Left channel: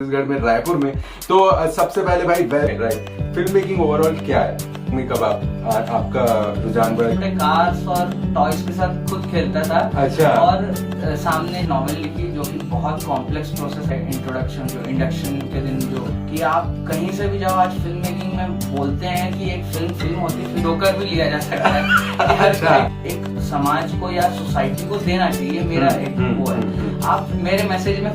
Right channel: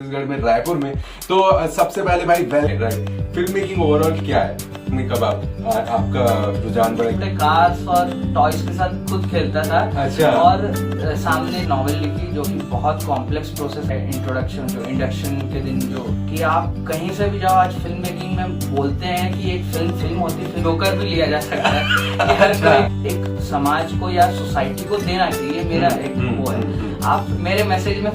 छत्तीसगढ़ में रायपुर में। तो सबसे पहले भाई राइट फिल्म मेकिंग ओवरऑल क्या है? कब आपका रुझान बढ़ा? कार्स और टॉयज के साथ खुद खेलता था। अच्छा। और सामने नॉवेल लिखी जो कि बहुत कॉम्प्लेक्स प्रोसेस है। इंट्रोडक्शन जो इंडक्शन के दिन जो कि आप कहीं से भी जाओ, आज फिल्म मेकिंग में बोलते हैं कि एक फिल्म होती है, फिर होकर भी लिया जा सकता है। अच्छा। एक समाज को या सोसाइटी को देना चाहिए, मेरा एक वो है। आप मेरे मैसेज में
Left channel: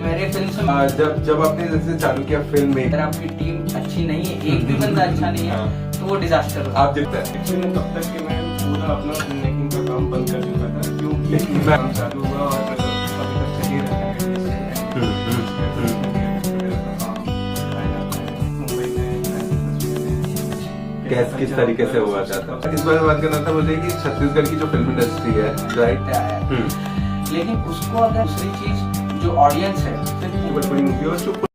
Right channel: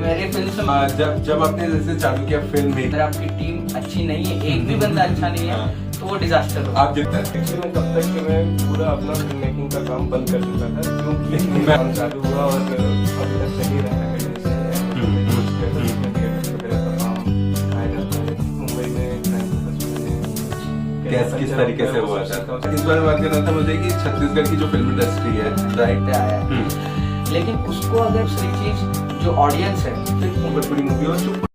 मेरे फिल्म से जब आपने जैसे चालू किया फिल्म में, अगर आपकी टीम अच्छी नहीं है, एक भी बंदा अच्छा नहीं है, तो वो डिजास्टर होगा। आप जितना एक्चुअली तब तक कि मैं पूरा अपना फिल्म मेकिंग का काम बंद कर चुका था, क्योंकि काम चालू हुआ और अभी तक चल ही रहा है। किस तरीके से हुआ था? इस बार बात करना था मुझे कि छत्तीसगढ़ की जो फिल्म इंडस्ट्री है, राइट, लेकिन उसको अगर दूसरी चीज जो ऑडियंस है, बहुत बड़ी मूवी और चुप।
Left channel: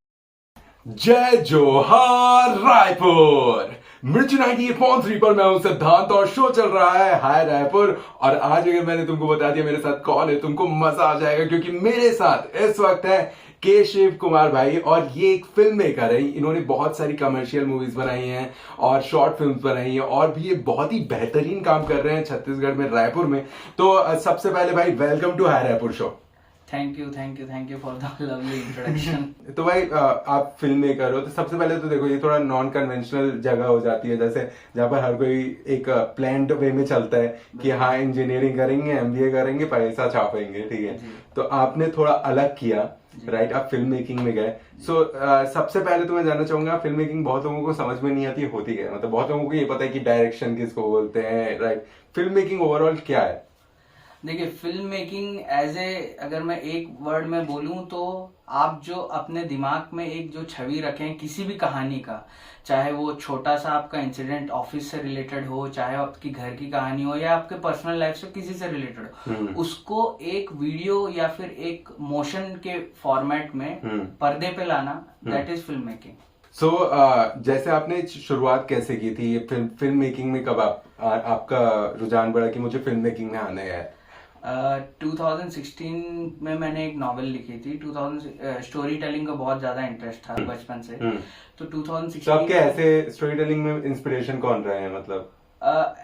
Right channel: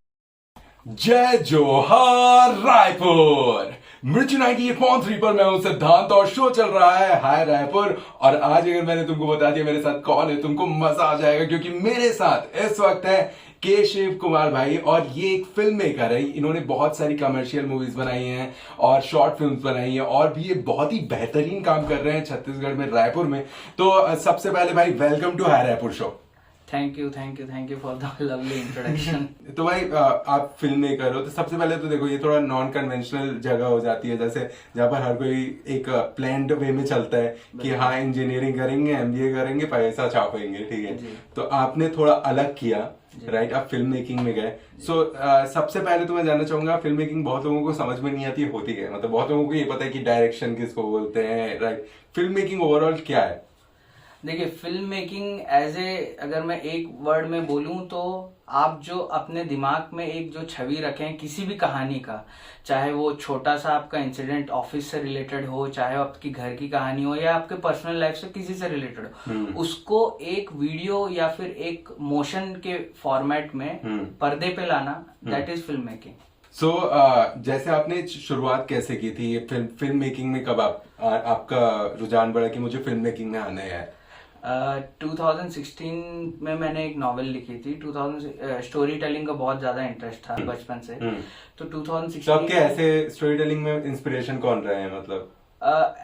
जय जोहार रायपुर, मिर्च 98.3 पर मैं हूं सिद्धांत और शो चल रहा है हाय रायपुर। और आज अगर मैंने तुमको बता दिया मेरे साथ कौन है, तुमको मजा आ जाएगा, क्योंकि मेरे साथ इस वक्त है के शिव कुमार भाई। और ये एक फिल्म मेकर है, इन्होंने बहुत सारी कमर्शियल मूवीज बनाई हैं और शॉर्ट फिल्म्स बनाई हैं, और भी ये बहुत ही बेहतरीन काम कर रहे हैं छत्तीसगढ़ में रायपुर में। तो सबसे पहले भाई welcome to hi Raipur show. Thank you for the lovely introduction. तो भाई आप फिल्म मेकर हो, तो सबसे पहले तो देखो ये थोड़ा नॉन कन्वेंशनल जगह हो जाती है, जैसे जहाँ पर हर कोई एक प्लान्ड वे में चलता है कि हाँ इंजीनियरिंग करेंगे, एमबीए करेंगे, पैसा छापेंगे, ठीक है। तो आपने थोड़ा अलग किया, राइट, आप फिल्म मेकिंग में गए। सो सबसे पहले तो मैं जानना चाहूंगा, फिल्म मेकिंग बहुत लोगों को समझ में नहीं आती होती है, मतलब बहुत लोगों को ये पता है कि डायरेक्शन किसको बोलते हैं, राइट। फिल्म मेकिंग ओवरऑल क्या है? देखिए, फिल्म मेकिंग अगर मैं एक वर्ड में बोलूं तो आप जो अपने दिमाग में एक जो छवि रखें किसी भी कहानी का, चाहे वो छोटा सा आपका इंसिडेंट ऑफिस से रिलेटेड हो, चाहे आपकी घर की कहानी हो, या आपके पर्सनल लाइफ से किसी से रिलेटेड हो, उसको एक वीडियो या फिर एक मोशन के फॉर्मेट में पर्दे पे लाना, दैट इज फिल्म मेकिंग। सो जैसे आपने शुरुआत कैसे की थी ये फिल्म मेकिंग में? कब आपका रुझान बढ़ा कि मुझे फिल्म मेकिंग में आना है? 2016 में मैंने एक नॉवेल लिखी थी। स्टोरी टेलिंग का बहुत ज्यादा इंटरेस्ट था बचपन से। तो 2016 तो आपके ऐसे स्टोरी टेलिंग में इंस्पिरेशन कौन रहे हैं? मतलब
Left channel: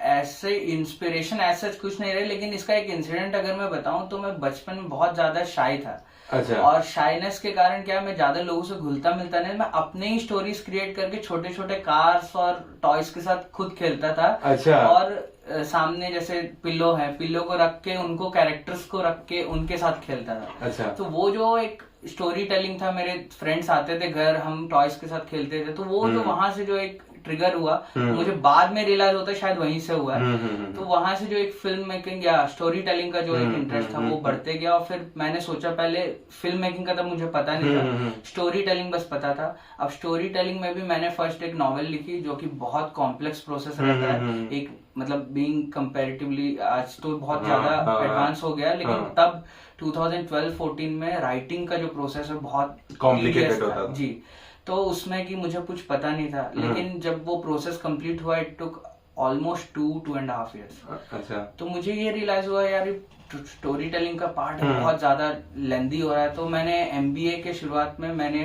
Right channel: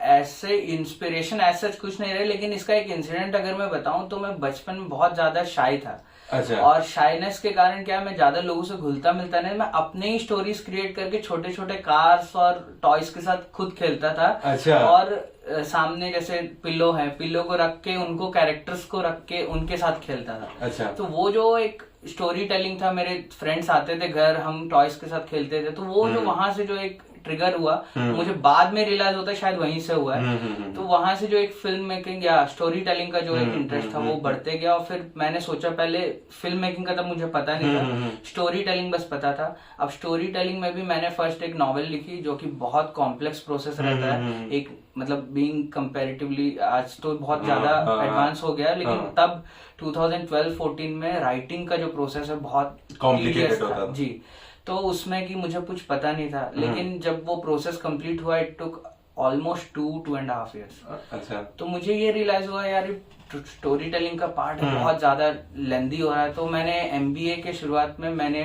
ऐसे इंस्पिरेशन ऐसा कुछ नहीं रहे, लेकिन इसका एक इंसिडेंट अगर मैं बताऊं तो मैं बचपन में बहुत ज्यादा शाई था। अच्छा। और शाइनेस के कारण क्या, मैं ज्यादा लोगों से घुलता मिलता नहीं, मैं अपने ही स्टोरीज क्रिएट करके छोटे छोटे कार्स और टॉयज के साथ खुद खेलता था। अच्छा। और सामने जैसे पिल्लो है, पिल्लो को रख के, उनको कैरेक्टर्स को रख के उनके साथ खेलता था। अच्छा। तो वो जो एक स्टोरी टेलिंग था, मेरे फ्रेंड्स आते थे घर, हम टॉयज के साथ खेलते थे, तो वो जो वहां से जो एक ट्रिगर हुआ, मुझे बाद में रियलाइज होता है शायद वहीं से हुआ है। तो वहां से जो एक फिल्म मेकिंग या स्टोरी टेलिंग का जो एक इंटरेस्ट था वो बढ़ते गया। और फिर मैंने सोचा, पहले फिल्म मेकिंग का तब मुझे पता नहीं था, स्टोरी टेलिंग बस पता था। अब स्टोरी टेलिंग में भी मैंने फर्स्ट एक नॉवेल लिखी जो कि बहुत कॉम्प्लेक्स प्रोसेस रहता है, एक मतलब बीइंग कंपैरेटिवली आज तो बहुत ज्यादा एडवांस हो गया, लेकिन तब 2012-14 में राइटिंग का जो प्रोसेस है बहुत कॉम्प्लिकेटेड होता था जी। तो उसमें कि मुझे कुछ पता नहीं था, लेकिन जब वो प्रोसेस कंप्लीट हुआ, इट टुक ऑलमोस्ट 2.5 years। अच्छा। तो मुझे ये रियलाइज हुआ, यार स्टोरी टेलिंग का पार्ट बहुत ज्यादा लेंदी हो रहा है। तो मैंने एमबीए के शुरुआत में मैंने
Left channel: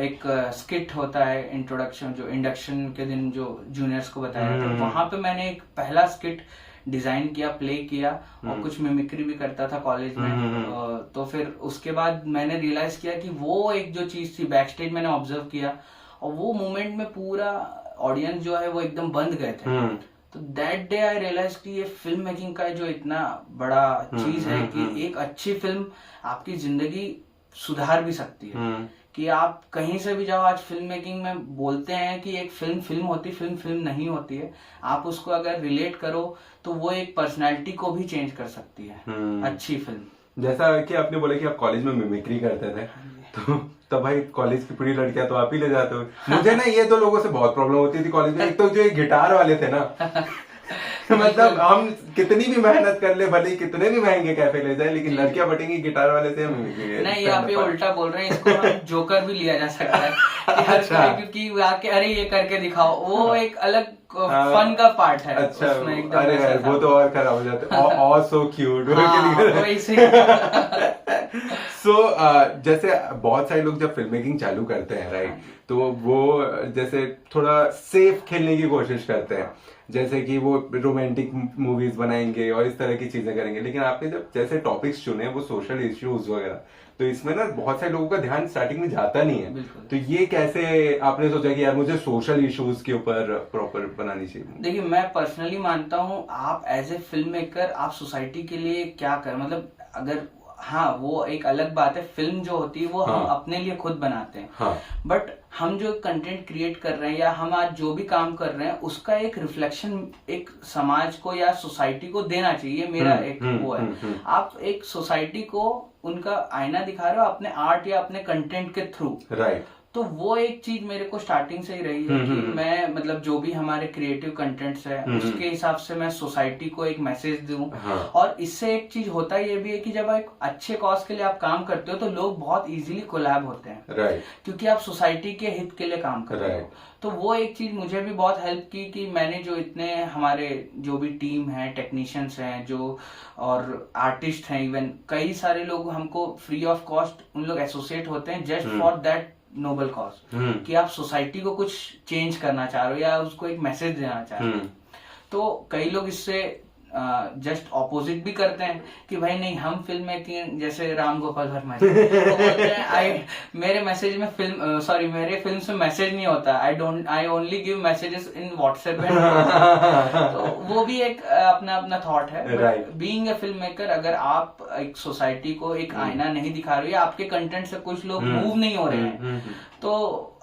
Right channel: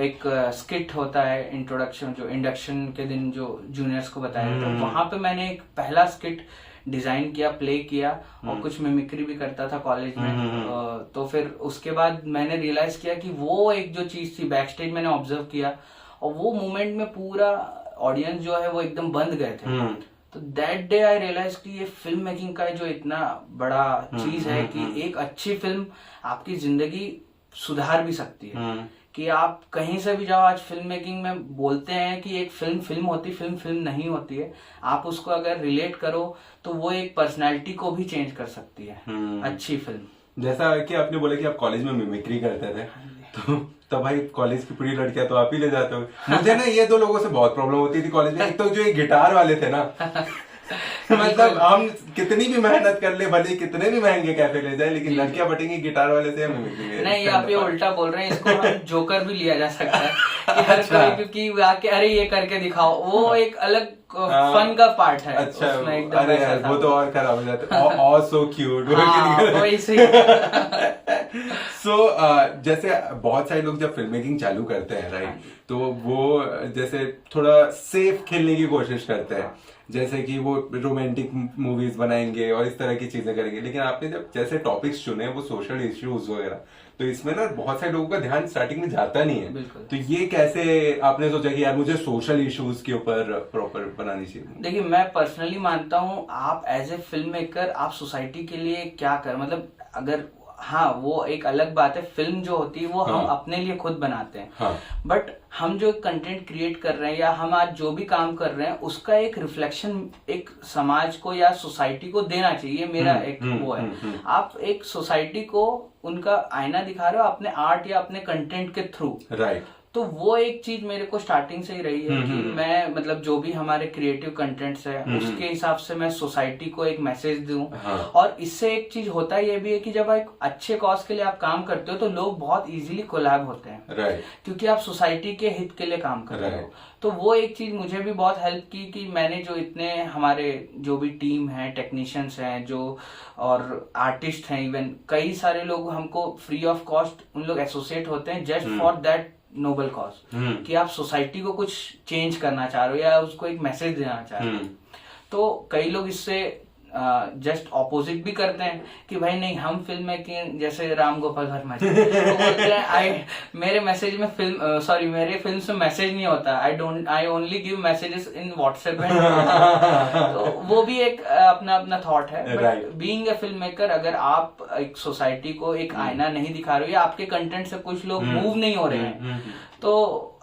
एक स्किट होता है इंट्रोडक्शन, जो इंडक्शन के दिन जो जूनियर्स को बताया जाता है, वहां पे मैंने एक पहला स्किट डिजाइन किया, प्ले किया, और कुछ मिमिक्री भी करता था कॉलेज में। तो फिर उसके बाद मैंने रियलाइज किया कि वो एक जो चीज थी बैक स्टेज मैंने ऑब्जर्व किया, और वो मोमेंट में पूरा ऑडियंस जो है वो एकदम बंद गए थे। तो दैट डे आई रियलाइज कि ये फिल्म मेकिंग का जो इतना बड़ा चीज है कि एक अच्छी फिल्म आपकी जिंदगी सुधार भी सकती है। कि आप कहीं से भी जाओ, आज फिल्म मेकिंग में बोलते हैं कि एक फिल्म होती, फिल्म नहीं होती है। आप उसको अगर रिलेट करो तो वो एक पर्सनालिटी को भी चेंज कर सकती है, अच्छी फिल्म। जैसा कि आपने बोला कि आप कॉलेज में मिमिक्री करते थे, तो भाई कॉलेज की पूरी लड़कियां तो आप ही ले जाते हो। मुझे ना ये दो लोगों से बहुत प्रॉब्लम होती थी कॉलेज में। एक तो जो ये गिटार वाले थे ना मतलब हम कितनी भी मेहनत कर ले, भले कितने भी महंगे कैफे ले जाए, लेकिन लड़कियां बटेंगी गिटार वाले से। नहीं, आप ये उल्टा बोल रहे हैं, इसको हम जोकर भी लिया जा सकता है कि अच्छा। क्योंकि आके अरे ये करके दिखाओ, वो एक अलग फन का पार्ट है। अच्छा। उसमें एकदम अरे वैसा वो तो और खराब हो जाता है। So cute. सो जैसे बहुत सारे लोग जब फिल्म मेकिंग चालू करते हैं राइट, तो वो जैसे थोड़ा सेफ खेलने की कोशिश करते हैं, जैसे कि वो रोमांटिक मूवीज बनाएंगे और इस तरह की चीजें करेंगे। लेकिन आपने जब जैसे टॉपिक्स चुने वो सोशल इश्यूज वगैरह, तो इसमें ना बहुत सारे लोगों का ध्यान स्टार्टिंग में जाता नहीं है। तो ये कैसे आपने सोचा कि यार मुझे सोशल इश्यूज के ऊपर प्रॉपर बनानी चाहिए? देखिए, मैं पर्सनली मानता हूँ आप एज ए फिल्म मेकर आप सोसाइटी के लिए क्या कर, मतलब अगर हाँ वो एक अलग बात है, फिल्म जो होती है वो हम अपने लिए खुद बनाते हैं, बट हम जो कंटेंट क्रिएट कर रहे हैं या हम आज जो भी काम कर रहे हैं उसका एक रिफ्लेक्शन एक समाज को या सोसाइटी को देना चाहिए। मेरा एक वो है, आप एक सोसाइटी को उनका आईना दिखा रहे हो अपने आर्ट या अपने कंटेंट के थ्रू, राइट। तो वो एक चीज मेरे को स्टार्टिंग से ही रही है कि मैं मतलब जो भी हमारे क्रिएटिव कंटेंट्स है उसके हिसाब से मैं सोसाइटी को एक मैसेज दूं। और इससे एक चीज होता है ये भी है कि जब एक अच्छे कॉज के लिए आप काम करते हो तो लोग बहुत इजीली कोलैब होते हैं, राइट, क्योंकि आप सोसाइटी के हित के लिए काम कर रहे हो। तो वो एक चीज मुझे भी बहुत हेल्प की कि मैंने जो इतने हमारे जो भी टीम है, टेक्नीशियंस हैं जो और आर्टिस्ट हैं, इवन कई सारे लोग हमको फ्री ऑफ कॉस्ट उन लोग एसोसिएट होते हैं just for that noble cause, कि आप सोसाइटी को कुछ चेंज करना चाह रहे हो या उसको एक मैसेज देना चाह रहे हो। तो कई लोग इससे जस्ट ऑपोजिट भी करते हैं कि भाई नहीं हम फिल्म मेकिंग, जैसे राम गोपाल वर्मा जी वो बोलते हैं मेरे मैसेज में फिल्म सॉरी मेरे फिल्म में मैसेज नहीं होता, I only give messages in WhatsApp. तो वो भी एक अपना अपना थॉट है। बीइंग ए फिल्म मेकर, अगर आप एक सोसाइटी को एक आईना नहीं दिखा रहे हो या आपके कंटेंट से कुछ लोग मूव नहीं हो रहे हैं तो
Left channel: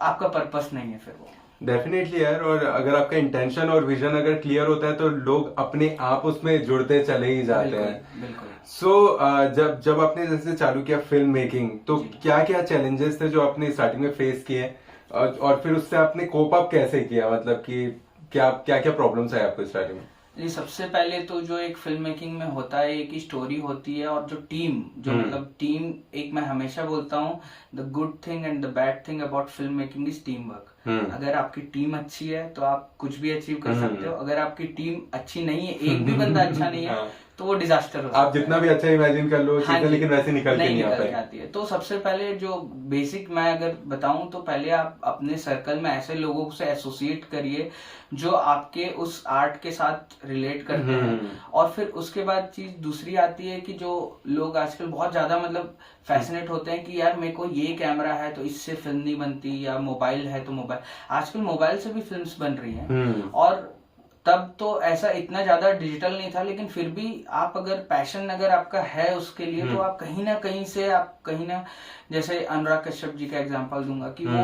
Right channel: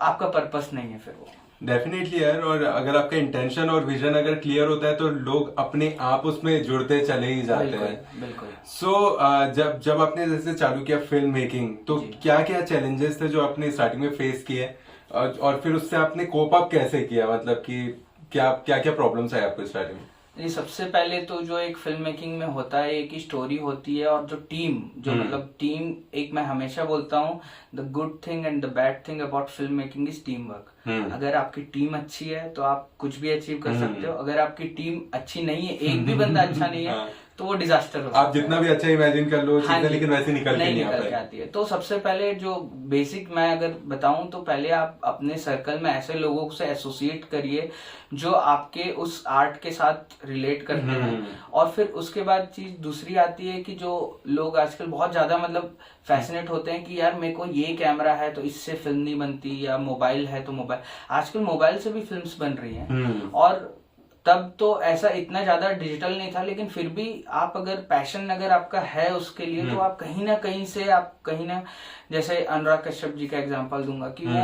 आपका पर्पस नहीं है फिर वो। डेफिनेटली यार, और अगर आपका इंटेंशन और विजन अगर क्लियर होता है तो लोग अपने आप उसमें जुड़ते चले ही जाते हैं। बिल्कुल। सो जब आपने जैसे चालू किया फिल्म मेकिंग, तो क्या क्या चैलेंजेस थे जो आपने स्टार्टिंग में फेस किए और फिर उससे आपने कोप अप कैसे किया, मतलब कि क्या क्या प्रॉब्लम्स आए आपको स्टार्टिंग में? जी, सबसे पहले तो जो एक फिल्म मेकिंग में होता है एक ही स्टोरी होती है और जो टीम जो मतलब टीम, एक मैं हमेशा बोलता हूँ the good thing and the bad thing about film making is team work. अगर आपकी टीम अच्छी है तो आप कुछ भी अचीव कर सकते हो, अगर आपकी टीम अच्छी नहीं है, एक भी बंदा अच्छा नहीं है तो वो डिजास्टर होता है। आप जितना भी अच्छा इमेजिन कर लो चीजें, लेकिन वैसे निकल के आती है। तो सबसे पहले जो बेसिक मैं अगर बताऊं तो पहले आप अपने सर्कल में ऐसे लोगों से एसोसिएट करिए जो आपके उस आर्ट के साथ रिलेट करते हैं। और फिर उसके बाद चीज दूसरी आती है कि जो लोग आजकल बहुत ज्यादा मतलब फैसिनेट होते हैं कि यार मेरे को ये कैमरा है तो इससे फिल्म नहीं बनती, या मोबाइल है तो मोबाइल, आजकल मोबाइल से भी फिल्म्स बन रही हैं। और तब तो ऐसा इतना ज्यादा डिजिटल नहीं था, लेकिन फिर भी आप अगर पैशन अगर आपका है उसके लिए तो आप कहीं ना कहीं से आप कहीं ना, जैसे अनुराग कश्यप जी का एग्जांपल दूंगा कि वो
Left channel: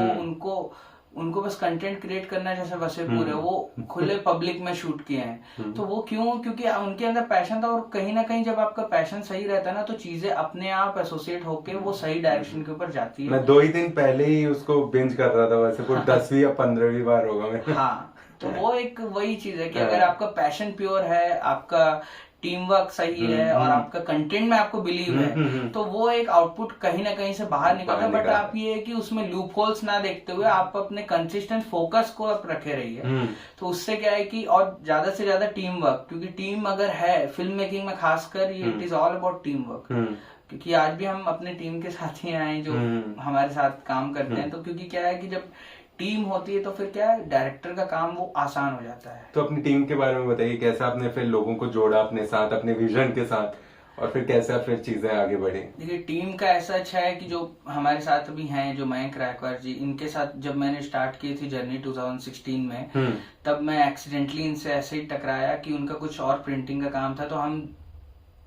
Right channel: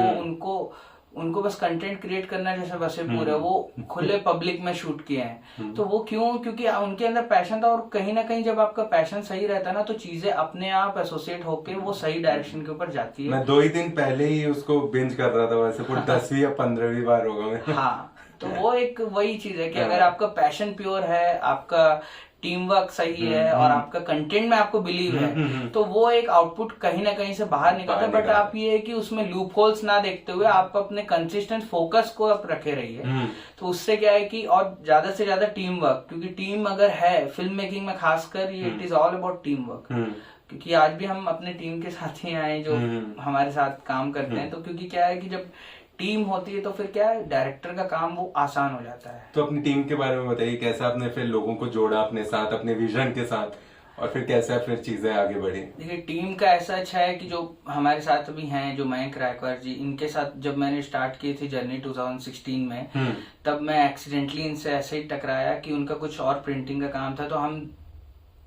उनको बस कंटेंट क्रिएट करना है, जैसे वसेपुर है वो खुले पब्लिक में शूट किए हैं। तो वो क्यों? क्योंकि उनके अंदर पैशन था, और कहीं ना कहीं जब आपका पैशन सही रहता है ना तो चीजें अपने आप एसोसिएट होके वो सही डायरेक्शन के ऊपर जाती है। मैं 2 ही दिन पहले ही उसको बिंज कर रहा था, वसेपुर 10वीं या 15वीं बार होगा मैं। हाँ, तो वो एक वही चीज है कि अगर आपका पैशन प्योर है, आपका टीम वर्क सही है और आपका कंटेंट में आपको बिलीव है तो वो एक आउटपुट कहीं ना कहीं से बाहर निकलता है। बट आप ये है कि उसमें लूप होल्स ना देखते हुए आप अपने कंसिस्टेंट फोकस को आप रखे रहिए। तो उससे क्या है कि और ज्यादा से ज्यादा टीम वर्क, क्योंकि टीम अगर है फिल्म मेकिंग में खासकर ये it is all about team work. क्योंकि आज भी हम अपने टीम के साथ ही आए जो हमारे साथ काम करते हैं। तो क्योंकि क्या है कि जब टीम होती है तो फिर क्या है, डायरेक्टर का काम वो आसान हो जाता है। तो अपनी टीम के बारे में बताइए, कैसा आपने फिर लोगों को जोड़ा अपने साथ, अपने विजन के साथ, और फिर कैसे फिर चीजें आगे बढ़ी? देखिए, टीम का ऐसा अच्छा है कि जो हमारे साथ अभी हैं, जो मयंक रायकर जी, इनके साथ जब मैंने स्टार्ट की थी जर्नी 2016 में, तब मैं एक्सीडेंटली इनसे ऐसे ही टकराया कि उनका कुछ और प्रिंटिंग का काम था। तो हम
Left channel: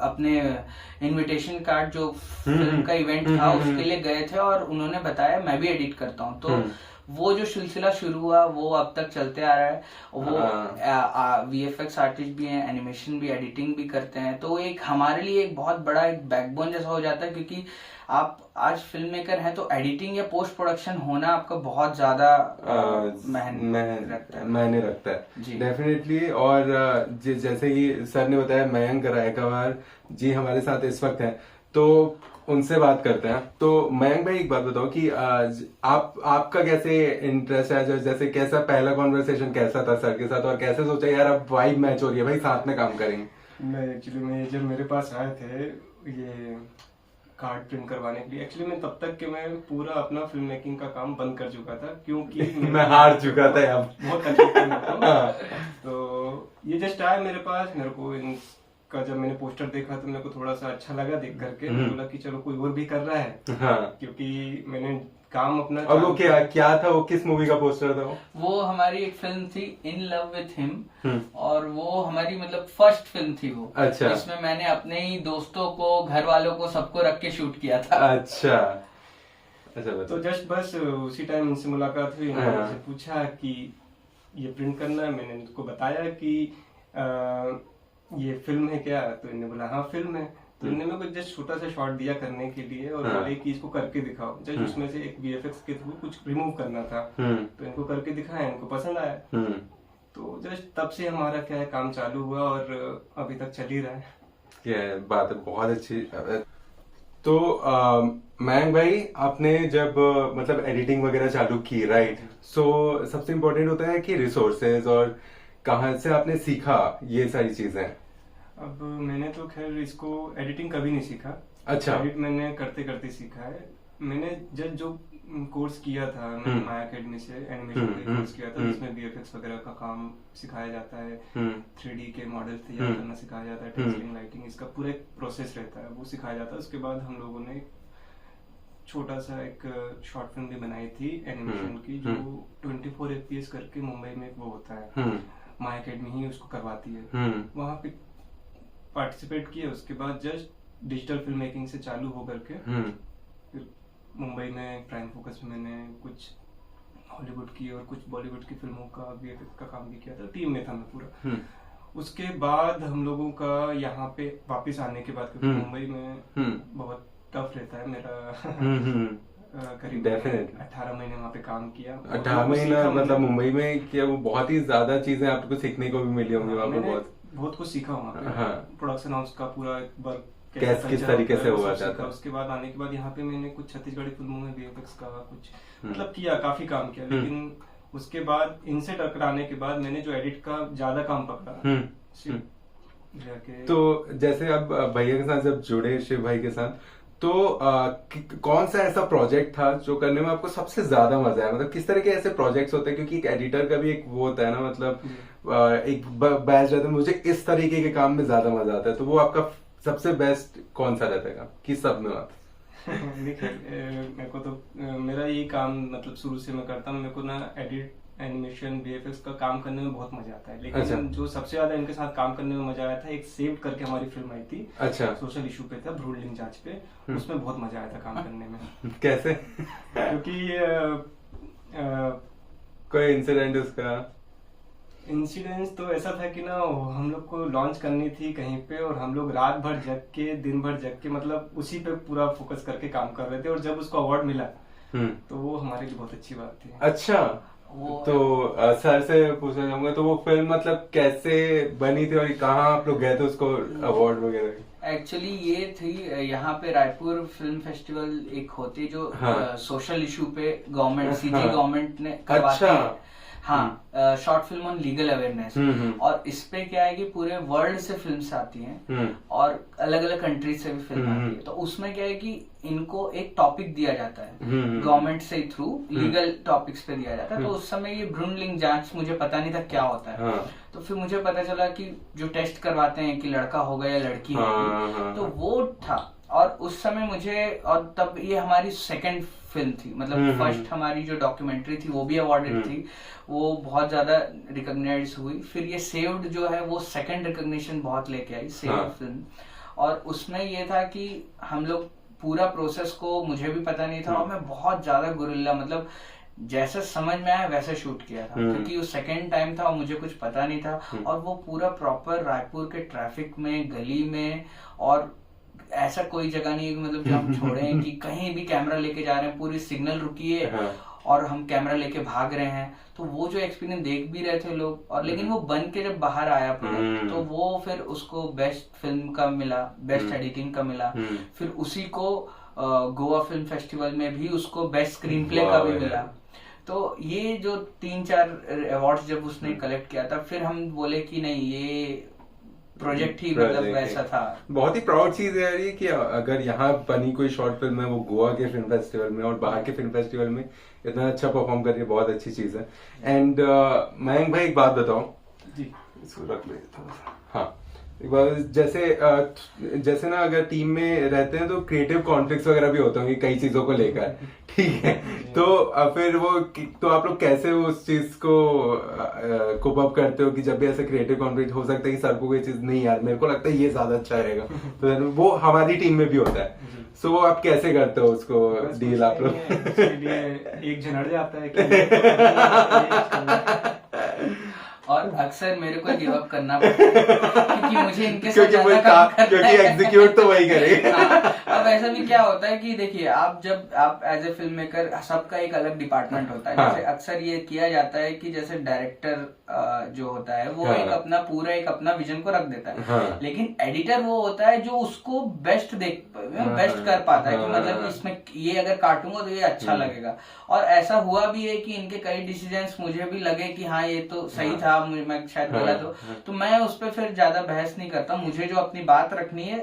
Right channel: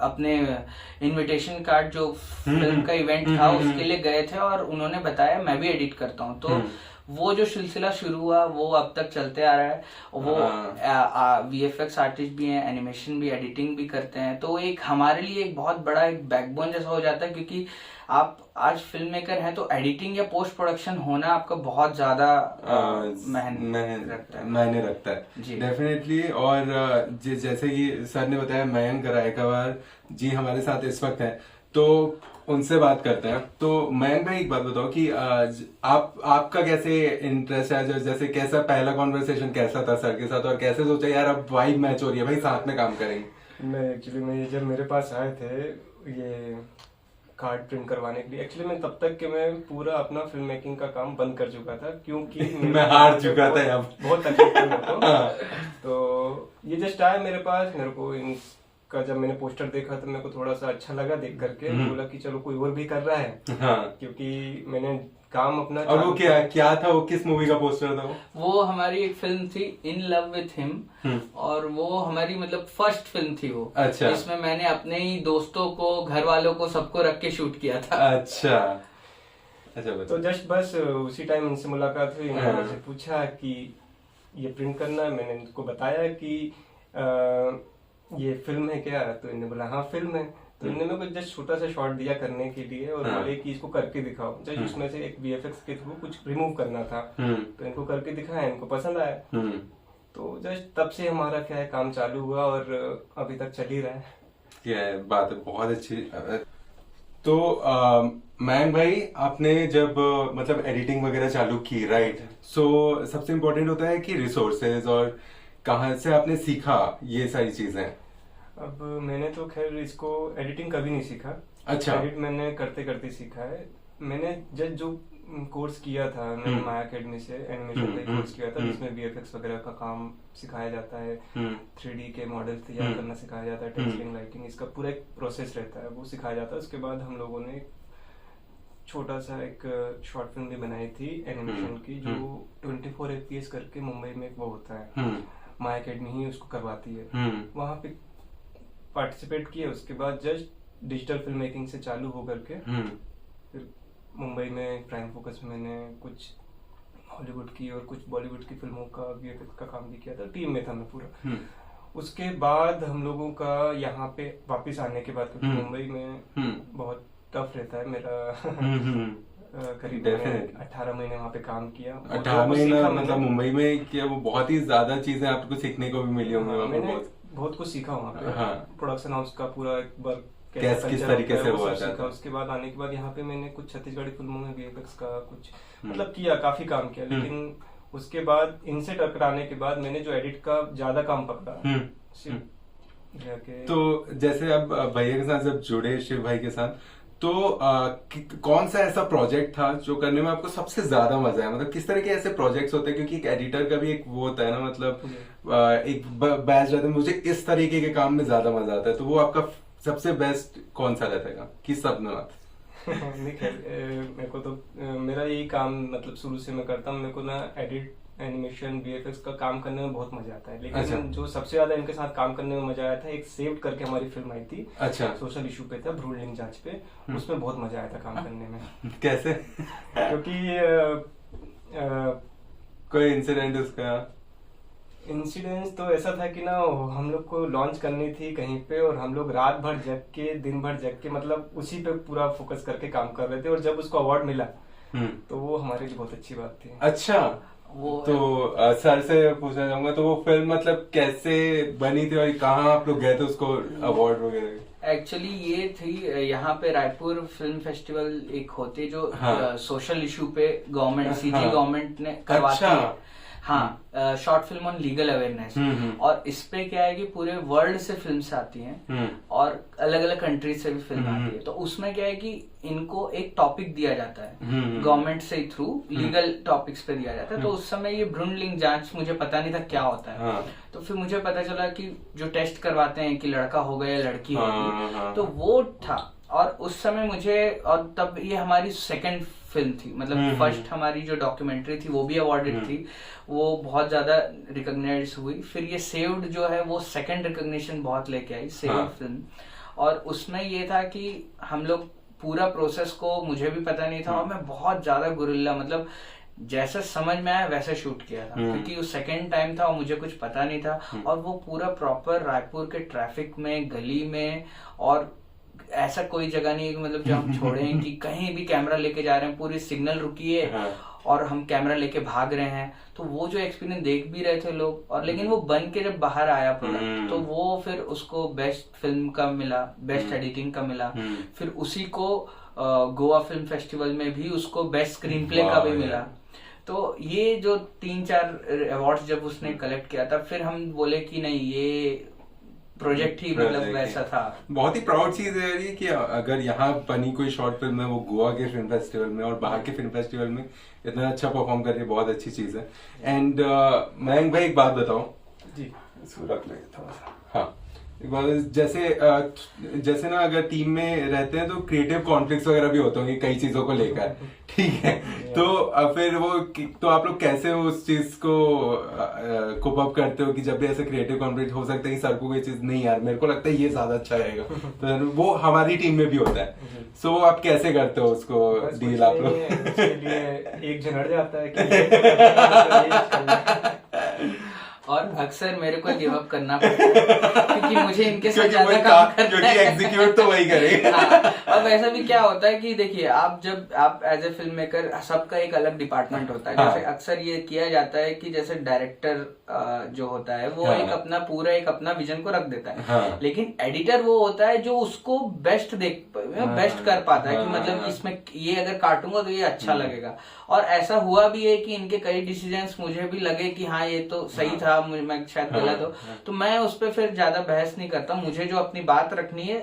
अपने इनविटेशन कार्ड जो फिल्म का इवेंट था उसके लिए गए थे और उन्होंने बताया मैं भी एडिट करता हूँ। तो वो जो सिलसिला शुरू हुआ वो अब तक चलते आ रहा है। वो VFX आर्टिस्ट भी हैं, एनिमेशन भी, एडिटिंग भी करते हैं। तो एक हमारे लिए एक बहुत बड़ा एक बैकबोन जैसा हो जाता है, क्योंकि आप आज फिल्म मेकर हैं तो एडिटिंग या पोस्ट प्रोडक्शन होना आपका बहुत ज्यादा मायने रखता है डेफिनेटली। और जैसे कि सर ने बताया मयंक रायकर जी हमारे साथ इस वक्त हैं, तो उनसे बात करते हैं। तो मयंक भाई एक बात बताओ कि आपका कैसे इंटरेस्ट है, जैसे कैसा पहला कॉन्वर्सेशन कैसा था सर के साथ, और कैसे सोचा यार अब वाइब मैच हो रही है भाई साथ में काम करेंगे? मैं एक्चुअली जब मेरे पास आए थे ये कार्ड प्रिंट करवाने के लिए। एक्चुअली मैं तब तक कि मैं पूरा अपना फिल्म मेकिंग का काम बंद कर चुका था, क्योंकि मैं हार चुका था यहाँ पे। बहुत तकलीफ थी मेरे को। तो ये जस्ट आया मेरे पास, मेरे को इनका जब मैंने पोस्टर देखा तो मेरे को थोड़ा सा अच्छा लगा देख करके, बोला कि चलो कोई और भी कर रहा है। क्योंकि मैंने काम अपना। और वो क्या था, वो किस मूवी का पोस्टर था? वो हमारी एक फिल्म थी इन लव विथ हिम, और वो हमारी मतलब फर्स्ट फिल्म थी वो। अच्छा। इसमें मैंने अपने ही दोस्तों को, घर वालों को, सबको रख के शूट किया था। अच्छा तो जस्ट बस उसी टाइम इनसे मुलाकात हुई, इन्होंने मुझसे पूछा कि ये प्रिंट करना है। मैंने इनको बताया कि ये फिल्म है क्या, तो इन्होंने बोला हाँ फिल्म है। तो इन्होंने मेरे को जस्ट छोटा सा शॉट दिया करने के लिए और बोले कि इसको करके दिखाओ। जस्ट उसमें से एक वीएफएक्स के थ्रू कुछ रिमूव करना था, तो इनको करके दिखाया, इनको पसंद आया। तो जस्ट तब से हमारा क्या है काम चालू हुआ और अभी तक चल ही रहा है। क्या बात है, बहुत अच्छी। तो मयंक भाई, आपने जब मतलब एडिटिंग वगैरह चालू की, राइट, सो सबसे इम्पोर्टेंट होता है कि रिसोर्सेज और कहाँ से आपने सीखा ये सारी चीजें। अब मैंने तो खैर इसको एडिटिंग कभी नहीं सीखा। अच्छा। एडिट मैंने करते करते सीखा है। मैंने जो कोर्स किया था, मैंने माया अकेडमी से एनिमेशन का कोर्स किया था, जिसमें वीएफएक्स वगैरह का काम सिखाया जाता है, 3D के मॉडल तैयार करना सिखाया जाता है, टेक्सचरिंग, लाइटिंग, इसका पूरा एक प्रोसेस रहता है, वो सिखाया जाता है। उसके बाद हम लोगों ने छोटा सा एक शॉर्ट फिल्म भी बनाई थी एनिमेशन की, जो 24 FPS करके मुंबई में एक वो होता है, माया अकेडमी ही उसको करवाती है, वहाँ पे पार्टिसिपेट किए। उसके बाद जस्ट डिजिटल फिल्म मेकिंग से चालू होकर के फिर मुंबई में प्राइम फोकस में मैंने कुछ हॉलीवुड की और कुछ बॉलीवुड की फिल्मों का वीएफएक्स का काम भी किया था, टीम में था मैं पूरा। उसके बाद हम लोगों का यहाँ पे वापस आने के बाद, क्योंकि मुंबई में बहुत टफ रहता है मेरा करीब 18 महीने वहाँ पे काम किया। 18 महीना मतलब मुंबई में क्या, वो बहुत ही ज्यादा चीजें आपको सीखने को भी मिली होंगी वहाँ पे। बहुत कुछ सीखा वहाँ पे। हाँ। प्रोडक्शन हाउस का पूरा वर्क किस तरीके से हुआ था। उसके बाद आने के बाद यहाँ पे मैंने कुछ छत्तीसगढ़ी फिल्मों में वीएफएक्स का कुछ मतलब किया, काफी काम किया। लेकिन उसके बाद इनसे टकराने के बाद मैंने जो एडिट का ज्यादा काम पकड़ा। तो जैसे अब भैया के साथ जब जुड़े, शिव भाई के साथ, तो कौन सा ऐसा प्रोजेक्ट था जो करने में आपको सबसे ज्यादा मजा आया? मतलब किस तरह के ऐसे प्रोजेक्ट्स होते हैं, क्योंकि एक एडिटर का भी एक वो होता है ना, मतलब एक बैच रहता है, मुझे इस तरीके के काम में ज्यादा मजा आता है, तो वो आपका सबसे बेस्ट कौन सा रहता है किस सब में? मेरे को तो मेरा यही काम मतलब शुरू से मैं करता हूँ। मेरे को ना एडिट, एनिमेशन, वीएफएक्स का काम करने में बहुत मजा आता है। लेकिन अच्छा। जो सबसे ज्यादा इनके साथ काम करने में मजा आया था, एक सेव्ड करके हमारी फिल्म आई थी। अच्छा। सोशल इशू पे था, भ्रूण लिंग जांच पे, उसमें बहुत मजा आया था काम करने में। कैसे? क्योंकि कोई इंसिडेंट उसका? इंसिडेंस तो ऐसा था कि ना हम लोग को लॉन्च करनी थी कहीं पे, और हम लोग रात भर जग के, दिन भर जग के, मतलब उसी पे पूरा फोकस करके काम कर रहे थे। और जब उसको अवार्ड मिला तो वो हमारे लिए बहुत अच्छी बात थी। अच्छा। तो सर से पूछना चाहूंगा, तो वो फिल्म मतलब कैसे बनी थी और कहाँ आप लोग गए थे उसको अवार्ड वगैरह? एक्चुअली ये थी, यहाँ पे रायपुर फिल्म फेस्टिवल एक होती जो सोशल इशू पे गवर्नमेंट, सीजी गवर्नमेंट ने करवाती है। हाँ, short film on legal awareness. और इस पे क्या है कि पूरे वर्ल्ड से फिल्म्स आती हैं और अलग अलग कंट्रीज से भी फिल्म आती है। तो उसमें क्या है कि इनको एक टॉपिक दिया जाता है गवर्नमेंट से थ्रू, लीगल टॉपिक्स पे दिया जाता है। तो उस समय ये भ्रूण लिंग जांच मुझे पता नहीं था क्या होता है। तो फिर मुझे पता चला कि जो टेस्ट करवाते हैं कि लड़का होगा या लड़की होगी, तो वो था। और उस समय मुझे, और तब ये हमारी सेकंड फिल्म थी, मतलब फर्स्ट हमारी जो डॉक्यूमेंट्री थी वो भी अवार्डेड थी, वो बहुत ज्यादा रिकॉग्नाइज हुई। फिर ये सेव्ड जो है वो सेकंड रिकॉग्निशन बहुत लेके आई, सेव्ड फिल्म। और उसमें ये था कि हम लोग पूरा प्रोसेस को, मुझे भी पता नहीं था, और मैं बहुत ज्यादा गुरिल्ला, मतलब जैसे समझ में आया वैसे शूट किया था, क्योंकि वो सेकंड टाइम था और मुझे कुछ पता नहीं था। और वो पूरा प्रॉपर रायपुर के ट्रैफिक में, गली में, और ऐसा कोई जगह नहीं है मतलब जो हम छोड़े हैं कि कहीं भी कैमरा लेके जा रहे हैं, पूरी सिग्नल रुकी है और हम कैमरा लेके भाग रहे हैं। तो वो जो एक्सपीरियंस देख भी रहे थे लोग, और लेकिन वो बन के जब बाहर आया प्रोडक्ट, तो वो फिर उसको बेस्ट फिल्म का मिला, बेस्ट एडिटिंग का मिला। फिर उसी को गोवा फिल्म फेस्टिवल में भी उसको बेस्ट स्क्रीन प्ले का भी मिला। तो ये जो 3-4 अवार्ड्स जब उसने कलेक्ट किया था, फिर हम बोले कि नहीं, ये प्रोजेक्ट ही मतलब Project वैसा ही। था। बहुत ही प्राउड चीज है यार ये कि अगर यहाँ बनी कोई शॉर्ट फिल्म है वो गोवा के फिल्म फेस्टिवल में और बाहर के फिल्म फेस्टिवल में इतना अच्छा परफॉर्म करके बहुत अच्छी चीज है। एंड मयंक भाई एक बात बताओ जी। इसको रख ले थोड़ा सा। हाँ एक बात, जैसे ना अगर टीम में रहते हैं तो क्रिएटिव कॉन्फ्लिक्ट्स वगैरह भी होते होंगे कई चीजों को लेकर, ठीक है? तो फिर तो आप लोग कैसे उस चीज को कोप अप करते हो कि जब भी ऐसे क्रिएटिव कॉन्फ्लिक्ट हो सकता है कि सर को कोई चीज नहीं यार मेरे को लगता है ये ज्यादा अच्छा रहेगा, तो वो हमारी टीम में भी होता है। सो आप कैसे करते हो उसको डील आप लोग? एक जन अड़ जाता है कि ये तो करना है। और अक्सर मेरे को गिव अप करना पड़ता है क्योंकि मुझे इनके साथ ज्यादा काम करना क्योंकि है। एग्जीक्यूट तो वही करे। हाँ, अब ऐसा भी क्या होता है कि देखिए आप एज ए फिल्म मेकर सबका एक अलग डिपार्टमेंट होता है। हाँ। जैसे अक्सर ये किया जाता है कि जैसे डायरेक्टर जो होता है वो हाँ। एक अपना विजन को रख देता है, हाँ। लेकिन एडिटर वो होता है जो उसको बेस्ट बेस्ट कर पाता है कि मतलब इसमें ये अगर काटूंगा तो ये अच्छा लगेगा। और ऐसा हुआ भी है कि इनके कई डिसीजंस मुझे भी लगे कि हाँ ये तो सही था, मैं शायद गलत हो, तो मैं उस पर फिर ज्यादा बहस नहीं करता। मुझे जो अपनी बात रखनी है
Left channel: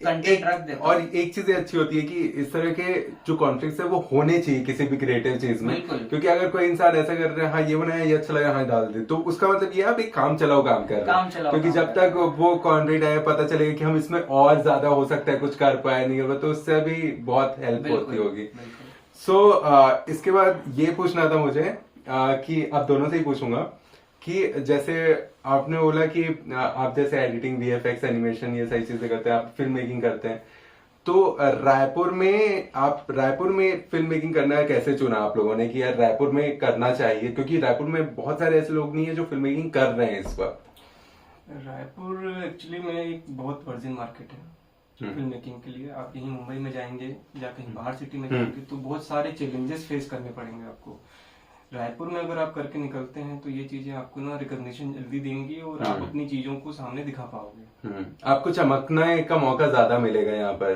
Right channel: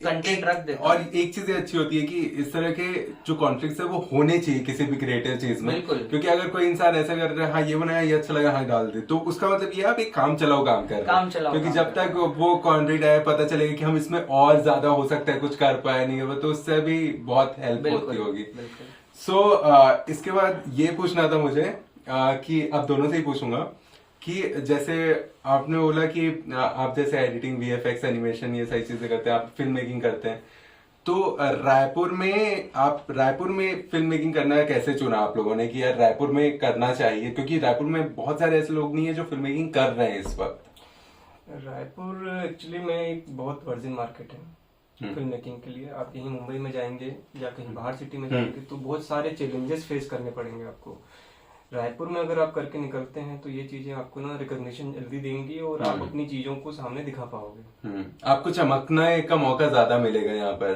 कंटेंट रख देता और एक चीज अच्छी होती है कि इस तरह के जो कॉन्फ्लिक्ट्स है वो होने चाहिए किसी भी क्रिएटिव चीज में। बिल्कुल। क्योंकि अगर कोई इंसान ऐसा कर रहा है हाँ ये बनाया ये अच्छा लगा हाँ डाल दे, तो उसका मतलब ये आप एक काम चलाओ काम कर रहे हैं। काम चलाओ क्योंकि काम जब तक वो कॉन्फ्लिक्ट आया पता चलेगा कि हम इसमें और ज्यादा हो सकता है कुछ कर पाए नहीं है, तो उससे भी बहुत हेल्प होती होगी। सो इसके बाद ये पूछना था मुझे कि अब दोनों से ही पूछूंगा कि जैसे आपने बोला कि आप जैसे एडिटिंग, वीएफएक्स, एनिमेशन ये सारी चीजें करते हैं, आप फिल्म मेकिंग करते हैं, तो रायपुर में फिल्म मेकिंग करना कैसे चुना आप लोगों ने कि यार रायपुर में करना चाहिए? क्योंकि रायपुर में बहुत सारे ऐसे लोग नहीं है जो फिल्म मेकिंग कर रहे हैं इस वक्त। रायपुर एक्चुअली में एक बहुत वर्जिन मार्केट है फिल्म मेकिंग के लिए। आप कहीं मुंबई में जाएंगे या कहीं बाहर सिटी में जाएंगे तो बहुत सारे चैलेंजेस फेस करने पड़ेंगे आपको। रायपुर में अगर आप करके निकलते हैं तो ये चीजें आपको ना रिकॉग्निशन जल्दी देंगी और आप अपनी चीजों को सामने दिखा पाओगे। आपको चमकने का मौका ज्यादा मिलेगा यहाँ पर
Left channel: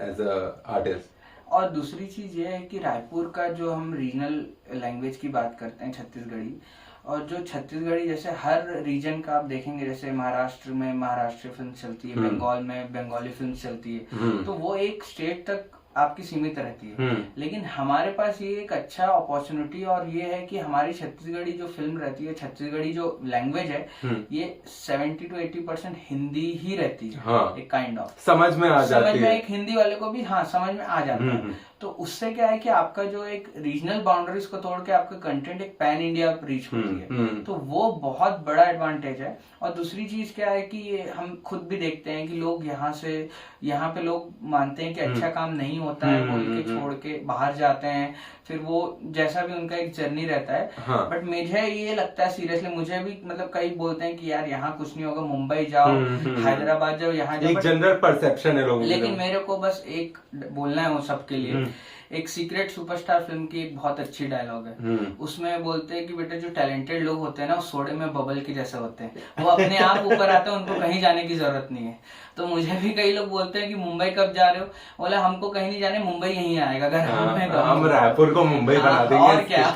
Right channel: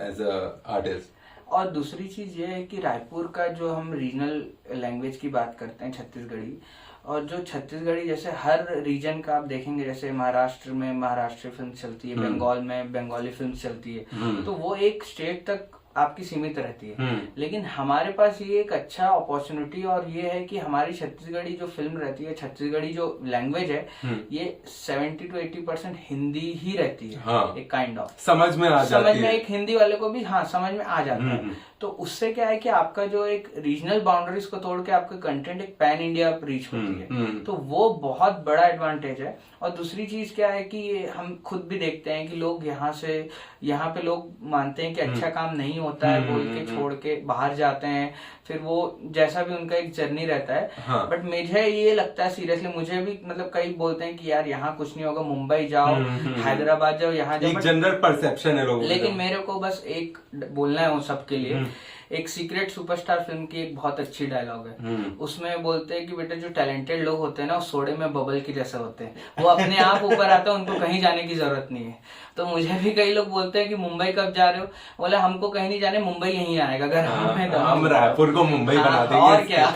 एज अ आर्टिस्ट। और दूसरी चीज ये है कि रायपुर का जो हम रीजनल लैंग्वेज की बात करते हैं छत्तीसगढ़ी, और जो छत्तीसगढ़ी जैसे हर रीजन का आप देखेंगे, जैसे महाराष्ट्र में महाराष्ट्री फिल्म चलती है, बंगाल में बंगाली फिल्म चलती है, तो वो एक स्टेट तक आपकी सीमित रहती है। लेकिन हमारे पास ये एक अच्छा अपॉर्चुनिटी और ये है कि हमारी छत्तीसगढ़ी जो फिल्म रहती है, छत्तीसगढ़ी जो लैंग्वेज है, ये 70 to 80% हिंदी ही रहती है। हाँ। एक काइंड ऑफ समझ में आ जाती है। समझ में एक हिंदी वाले को भी हाँ समझ में आ जाता है। तो उससे क्या है कि आपका जो एक रीजनल बाउंड्रीज को तोड़ के आपका कंटेंट एक पैन इंडिया रीच होती है, तो वो बहुत बड़ा एडवांटेज है। और दूसरी चीज क्या है कि हम खुद भी देखते हैं कि लोग यहाँ पे लोग मानते हैं कि अच्छा काम नहीं होता है बोल के छोड़ के बाहर जाते हैं, फिर वो जैसा भी उनका एक जर्नी रहता है। हाँ। बट मुझे ये लगता है सीरियसली, मुझे भी मतलब कई बोलते हैं कि यार यहाँ कुछ नहीं होगा, मुंबई जाओ, हैदराबाद जाओ, यहाँ जाओ, एक जनरल परसेप्शन है लोगों का। लेकिन मेरे को बस एक बोलना है वो सबके लिए। एक सीक्रेट सुपरस्टार फिल्म की एक बहुत अच्छी डायलॉग है, उसमें बोलते हैं कि बेटा जो टैलेंटेड लोग होते हैं ना वो सोडे में बबल के जैसे होते हैं, वो अपने आप ऊपर आते हैं, उनको कहीं जाने की जरूरत नहीं है। तो मुझे भी कई लोग बोलते हैं कि मुंबई कब जा रहे हो, बोले हमको कहीं नहीं जाने, मुंबई यहीं आएगा अगर हमें तो हम रायपुर को मुंबई बना देंगे। और क्या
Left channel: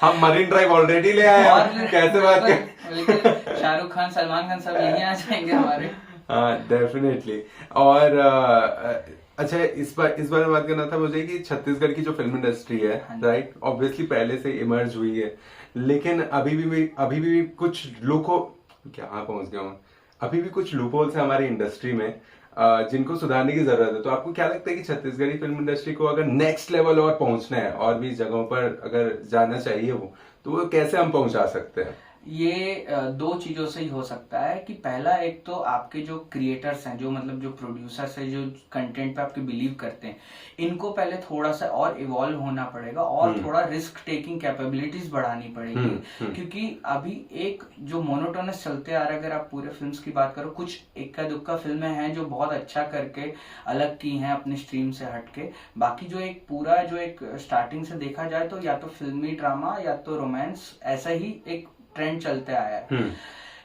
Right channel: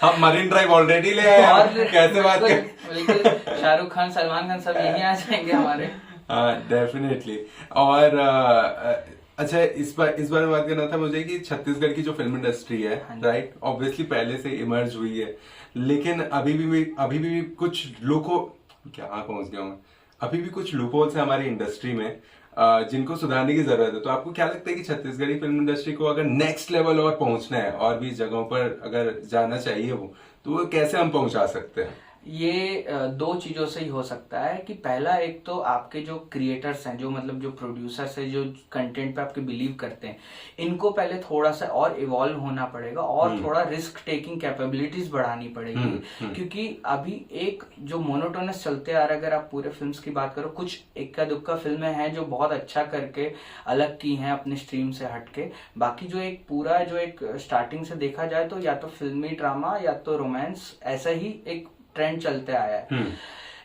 हम मरीन ड्राइव ऑलरेडी ले आए हैं, कैसे बात कर। लेकिन शाहरुख खान, सलमान खान सब यहीं आ जाएंगे हमारे। हाँ डेफिनेटली। और अच्छा इस बार में बात करना था मुझे कि छत्तीसगढ़ की जो फिल्म इंडस्ट्री है, राइट, ऑब्वियसली पहले से इमर्ज हुई है, लेकिन अभी भी कुछ अभी भी कुछ लूपहोल्स है हमारी इंडस्ट्री में जिनको सुधारने की जरूरत है। तो आपको क्या लगता है कि छत्तीसगढ़ी फिल्म इंडस्ट्री को अगर नेक्स्ट लेवल और पहुंचना है और भी जगहों पर अगर जाना चाहिए तो वो कैसे हम पहुंचा सकते हैं? ये दो चीजों से ही हो सकता है कि पहला, एक तो आपके जो क्रिएटर्स हैं, जो मतलब जो प्रोड्यूसर्स हैं, जो कंटेंट पे आपके बिलीव करते हैं, इनको पहले थोड़ा सा और इवॉल्व होना पड़ेगा और थोड़ा रिस्क टेकिंग कैपेबिलिटीज बढ़ानी पड़ेगी। क्योंकि अभी एक जो मोनोटोनस चलते आ रहा है, अगर आप पूरे फिल्म्स की बात करो, कुछ इक्का दुक्का फिल्में हैं जो बहुत अच्छा करके अलग की हैं अपने स्ट्रीम से हटके, बाकी जो एक पूरा जो एक स्टार्टिंग से देखा जाए तो या तो फिल्मी ड्रामा या तो रोमांस, ऐसा ही एक ट्रेंड चलते आया है।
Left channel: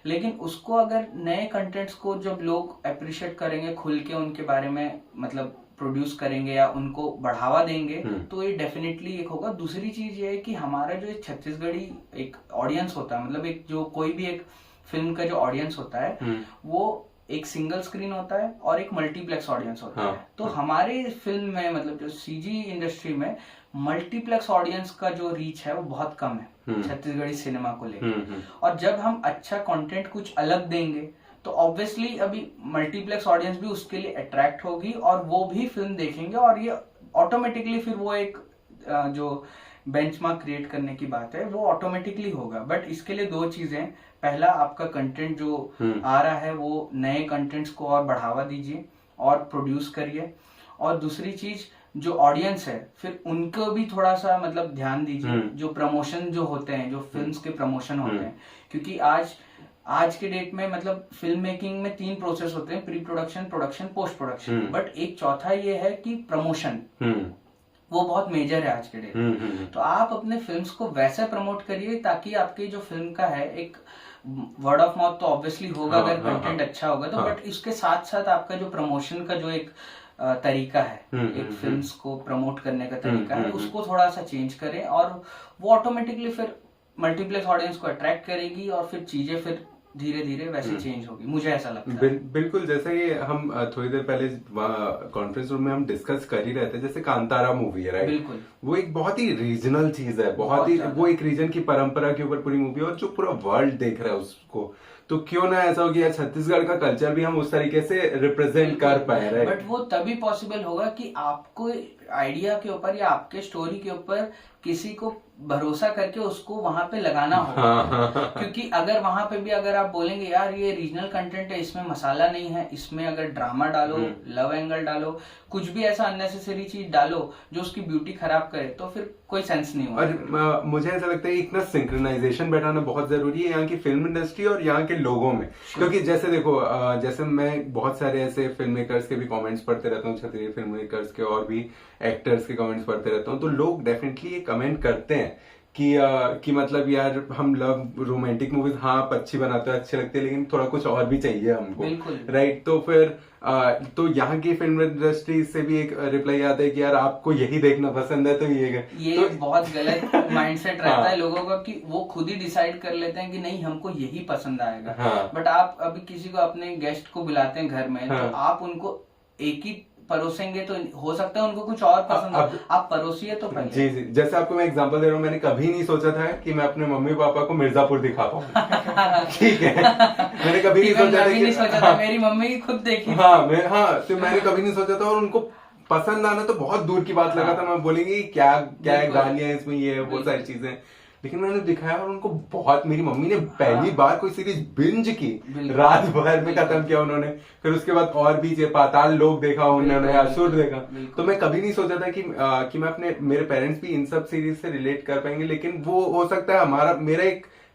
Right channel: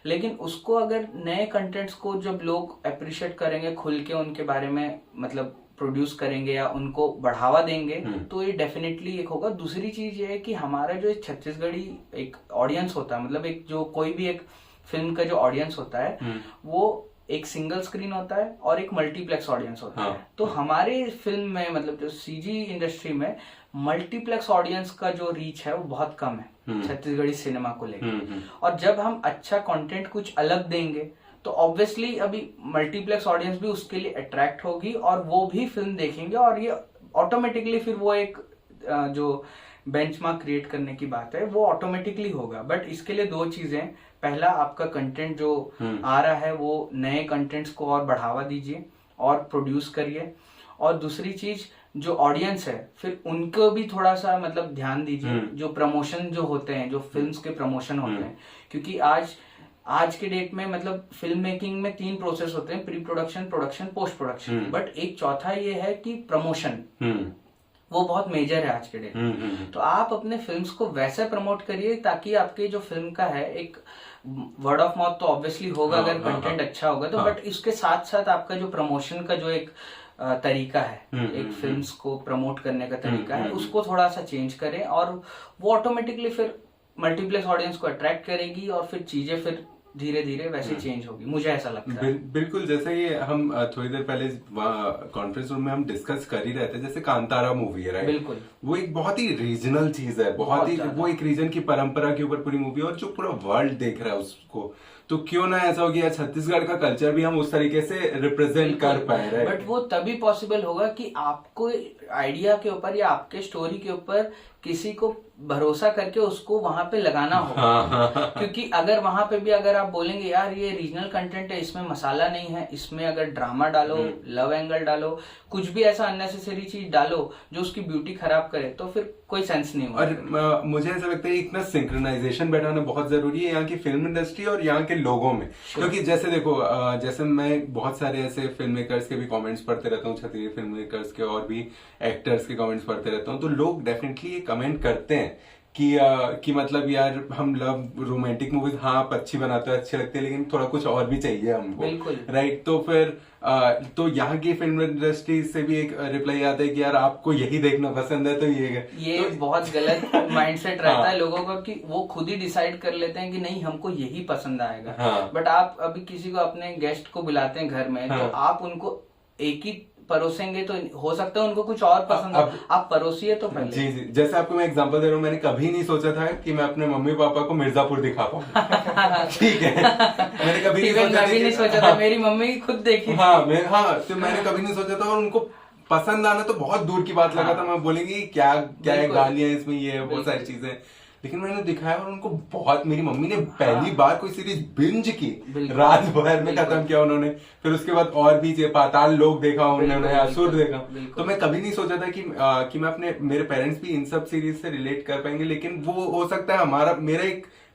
लेकिन उसको अगर नए कंटेंट्स को जब लोग अप्रिशिएट करेंगे, खुल के उनके बारे में मतलब प्रोड्यूस करेंगे या उनको बढ़ावा देंगे, तो ये डेफिनेटली एक होगा। दूसरी चीज ये है कि हमारा जो छत्तीसगढ़ी एक ऑडियंस होता है, मतलब एक जो कोई भी एक फिल्म का जो ऑडियंस होता है वो एक सिंगल स्क्रीन होता है और एक मल्टीप्लेक्स ऑडियंस होता है। तो हमारे फिल्म में मतलब जो सीजी इंडस्ट्री में मल्टीप्लेक्स ऑडियंस का जो रीच है वो बहुत कम है छत्तीसगढ़ी सिनेमा को लेकर। और जब हम अच्छा कंटेंट कुछ अलग देंगे तो ऑब्वियसली अभी मल्टीप्लेक्स ऑडियंस भी उसके लिए अट्रैक्ट होगी और वो भी फिल्म देखेंगे और ये ऑटोमेटिकली फिर वो एक जो बेंचमार्क क्रिएट करने की बात है वो ऑटोमेटिकली होगा। बट इसके लिए दो चीजें, पहला आपका कंटेंट जो आ रहा है वो नए कंटेंट्स को और बढ़ावा दीजिए और प्रोड्यूस करिए, और दूसरी चीज जो ऑडियंस है फिर उनको भी थोड़ा सा मतलब ध्यान दीजिए। जो प्रमोशन जो होते हैं, जो फिल्म्स के प्रमोशन होते हैं, क्योंकि आज के डेट में मतलब फिल्म मेकिंग में 3 प्रोसेस होते हैं, pre production, production, post production, but एक चौथा ये है कि प्रमोशन, वो बहुत मेजर है आज के डेट में। तो आप अपने फिल्म्स को वैसे प्रमोट करिए ताकि आपकी जो फिल्म का है एक वर्ड ऑफ माउथ तो ऑब्वियसली होगा अगर कंटेंट अच्छा होगा तो, बट इसके साथ साथ आपका जो प्रमोशन का जो एक तरीका है, एक फिल्म्स को प्रमोट करने का तरीका है, उसको थोड़ा सा चेंज करें और वो ऑटोमेटिकली फिर मल्टीप्लेक्स ऑडियंस को अट्रैक्ट करेगी और फिर चीजें फिर धीरे धीरे वैसे चेंज होगी, मुझे ऐसा लगता है। बिल्कुल, जैसे कि हम थोड़ी देर पहले कॉन्फ्रेंस रूम में हम डिस्कस कर ही रहे थे, जैसे कांतारा मूवी है, राइट? बिल्कुल, वो एक बहुत ही रीजनल चीज है, बहुत ही वो एक रीजन की परंपरा के ऊपर पूरी मूवी है और जो पूरा वर्ल्ड देख रहा है उसको, तो क्यों ना ऐसा हो गया छत्तीसगढ़ का कल्चर भी हम उस तरीके से रिप्रेजेंट कर पाए, राइट? बट वो तभी पॉसिबल होगा कि आपको आइडिया के ऊपर या आपके स्टोरी के ऊपर किसी को भरोसा करके उसको वहां पे लगाना होगा। क्योंकि अगर वहां पे भी अगर आप बोलेंगे यार ये रीजनल कंटेंट है, इसमें मसाला नहीं है, इसमें अगर ड्रामा डालो, लव एंगल डालो, कुछ भी ऐसा अननेसेसरी चीज डालो जो उसकी ब्यूटी खराब करे, तो फिर कोई सेंस नहीं होगा। और मुझे ऐसा लगता है इतना सिंक्रोनाइजेशन बैठाना बहुत जरूरी है यहाँ की फिल्म इंडस्ट्री और यहाँ के लोगों में, क्योंकि जैसे देखो जैसे मैं बहुत सारे ऐसे फिल्म मेकर्स के भी कमेंट्स पढ़ते रहता हूँ, छत्तीसगढ़ी फिल्म मेकर्स के और भी एक्टर्स के कमेंट्स पढ़ते रहता हूँ, तो लोग डेफिनेटली ये कमेंट करते हैं कि मतलब यार हम लव रोमांटिक मूवीज हाँ अच्छी बनाते हैं, अच्छे लगते हैं, लेकिन थोड़ा कुछ और भी चाहिए हमको, राइट? तो फिर तो यहाँ की फिल्म इंडस्ट्री से भी एक रिप्लाई आता है कि यार आपको यही देखना पसंद है, तो ये तो बहुत गलत माइंडसेट रहता है लोगों का कि वो खुद ही डिसाइड कर लेते हैं कि नहीं हमको यही पसंद आएगा। बट आप अभी किसी को अपने गेस्ट को बुलाते हैं घर में, तो आप उनको एक ही परोसेंगे तो हो सकता है उनको कुछ और पसंद हो, आप परोसिए तो पहले। जी, जैसे आपको मैं एग्जांपल दे रहा हूँ, मैंने कभी नहीं सोचा था कि मैं अपने मम्मी पापा को मिर्जापुर दिखा पाऊँ। ठीक है, मैंने कभी नहीं सोचा था। मेरी मम्मी खुद देखी। तो मैंने कभी नहीं सोचा था और उनको पसंद आना तो बहुत दूर की बात लगा था। मैं बोलेंगे क्या गालियां है इसमें, ये बहुत सारी चीजें, लेकिन मैंने दिखाया और उनको बहुत, मेरी मम्मी ने पहली बार कोई सीरीज बिंज की, रात भर में खत्म किया उन्होंने, फिर उसके बाद और भी पाताल लोक देखा उन्होंने, असुर देखा। तो मैं कभी नहीं सोचा था कि मैं मेरे पेरेंट्स भी इन सब सीरीज से रिलेट कर पाएंगे, लेकिन वो हो सकता है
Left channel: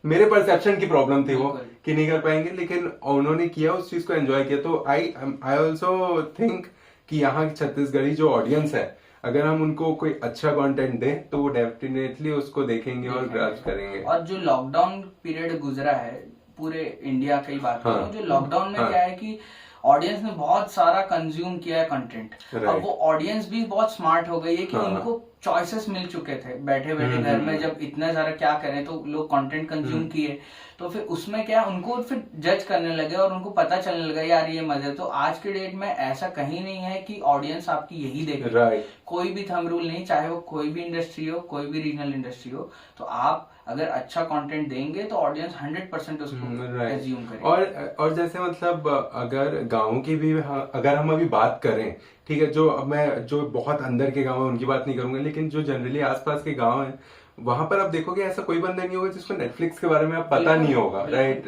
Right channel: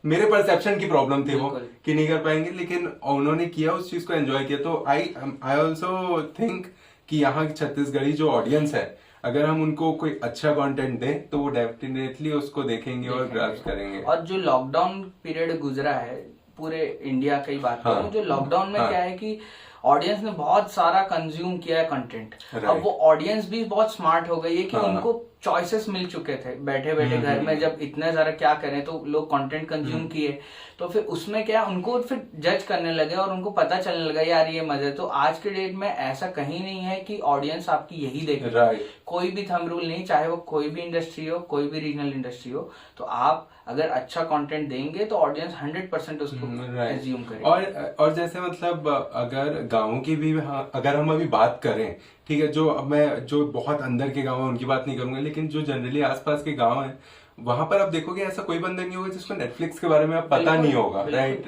मेरे परसेप्शन की प्रॉब्लम थी वो कि नहीं कर पाएंगे, लेकिन उन्होंने किया, उस चीज को एंजॉय किया। तो आई ऑल्सो थिंक कि यहाँ की छत्तीसगढ़ी जो ऑडियंस है, अगर हम उनको कोई अच्छा कंटेंट दें तो वो डेफिनेटली उसको देखेंगे और ग्रास्प करेंगे। और जो लॉकडाउन पीरियड गुजरा है पूरे इंडिया की बात करूं, जो लॉकडाउन में क्या है कि ऑडियंस ने बहुत सारा कंज्यूम किया है कंटेंट। अब वो ऑडियंस भी बहुत स्मार्ट हो गई है कि उनको चॉइसेस मिल चुके थे, बैठे बैठे घर में जब इतना सारा क्या करें, तो लोग कंटेंट कंज्यूम किए, तो फिर उसमें क्या उनको फिर जज करने लगे और उनको पता चलने लगा यार ये मजे। तो आज के डेट में ऐसा कहीं नहीं है कि ऑडियंस आपकी यही देखे, कोई भी थंब रूल नहीं, चाहे वो कोई भी इंडस्ट्री हो, कोई भी रीजनल इंडस्ट्री हो, तो आप अगर अच्छा कंटेंट देंगे तो ऑडियंस 100% उसको एज्यूम करेगी। और जैसे मतलब अगर गाँव की भी अगर हम अभी बात करें, ठीक है, जो बहुत अंदर के गाँव है उनकी बात नहीं करूंगा, लेकिन जो जनरली आसपास के गाँव है वहां पर आप देखोगे ऐसा कोई बंदा नहीं होगा जिसको नेटफ्लिक्स के बारे में आप पता नहीं होगा, राइट?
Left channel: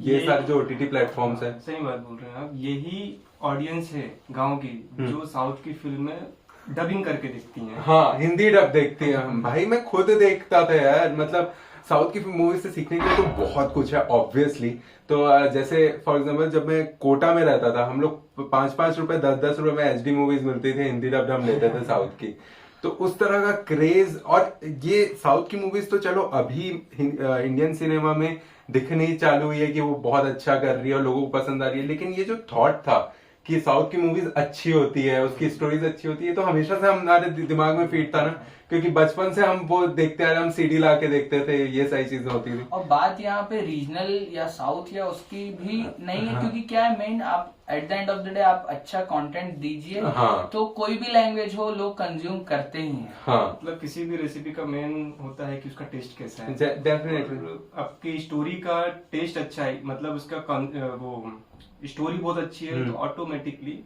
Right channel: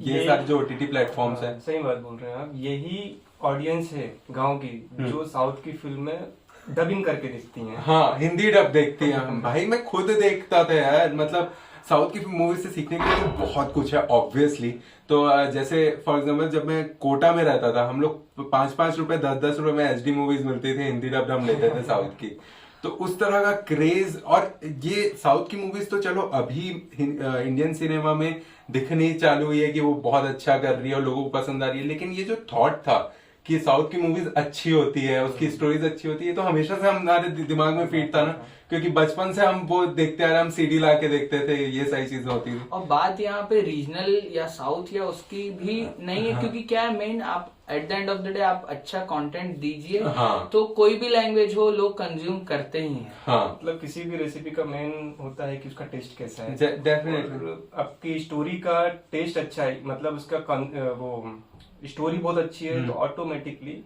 ये सारे जो OTT प्लेटफॉर्म्स है, सही बात बोल रहे हैं आप। यही ऑडियंस है गांव की जो साउथ की फिल्म में डबिंग करके देखती हैं। हिंदी डब देखती हैं। भाई मैं खुद देखता था यार, मतलब साउथ की मूवी से सीखने के लिए तो बहुत कुछ है ऑब्वियसली। तो जैसे फॉर एग्जांपल जब मैं कोटा में रहता था, हम लोग 5-5 रुपए 10-10 रुपए में HD मूवीज मिलती थी, हिंदी डब हम लेते थे साउथ की। तो उस तरह का क्रेज, और ये साउथ की मूवीज तो चलो अभी इंडियन सिनेमा में दिखनी चालू हुई है कि वो बहुत अच्छा कर रही है और लोगों को पसंद आ रही है, लेकिन ये जो थॉट था कि साउथ की मूवीज अच्छी होती है, उसकी स्टोरीज अच्छी होती है, तो हमेशा से हमारे दिमाग में फीट था ना, क्योंकि बचपन से हम वो देखते आ रहे, हम सीडी ला के देखते थे, ये सारी चीजें होती थी। और बात यहाँ पे रीजनल या साउथ या उसकी भी नहीं है, क्योंकि क्या है मेन, आप at the end of the day आप अच्छा कंटेंट दीजिए, हाँ। तो कोई भी लैंग्वेज हो लोग कंज्यूम करते ही हैं। हाँ, मतलब किसी भी रेसिपी का मेन होता है कि उसका टेस्ट कैसा है। डेफिनेटली। आपकी स्टोरी का टेस्ट अच्छा है, मतलब उसका वो स्टोरी बहुत अच्छी है, तो ऑटोमेटिकली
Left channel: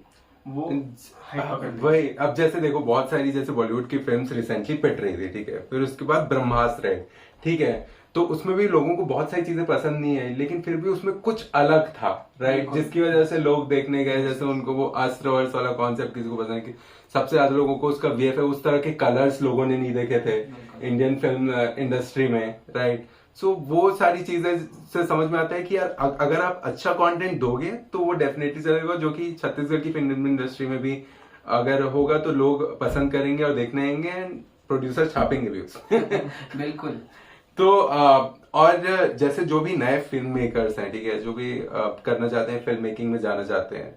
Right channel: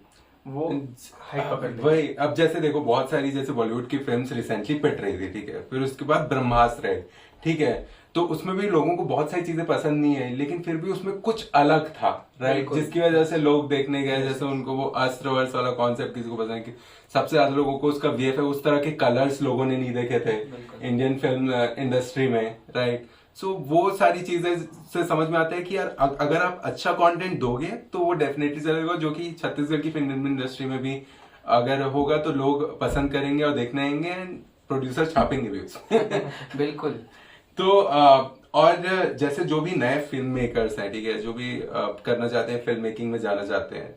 वो हाइप पकड़ लेगी। वही, अब जैसे देखो बहुत सारी जैसे बॉलीवुड की फिल्म्स रिसेंटली पिट रही थी, ठीक है, फिर उसके बाद ब्रह्मास्त्र है, ठीक है, तो उसमें भी लोगों को बहुत सारी चीजें पसंद नहीं आई, लेकिन फिर भी उसमें कुछ अलग था, राइट, जिसकी वजह से लोग देखने गए। जैसे उनको वो अस्त्र वर्ष वाला कॉन्सेप्ट किसी को पसंद है, कि सबसे ज्यादा लोगों को उसका वीएफएक्स, उस तरह के कलर्स लोगों ने नहीं देखे थे इंडियन फिल्म इंडस्ट्री में, राइट। सो वो सारी चीजें से समझ में आता है कि यार अगर आप अच्छा कंटेंट दोगे तो वो डेफिनेटली चलेगा, जो कि छत्तीसगढ़ की फिल्म इंडस्ट्री में भी अगर होगा तो लोग पसंद करेंगे और देखने आएंगे, एंड प्रोड्यूसर छापेंगे भी उसमें। बिल्कुल। तो और जैसे जो भी नए फिल्म मेकर्स हैं, ठीक है, जो भी करना चाहते हैं, फिल्म मेकिंग में जाना चाहते हैं,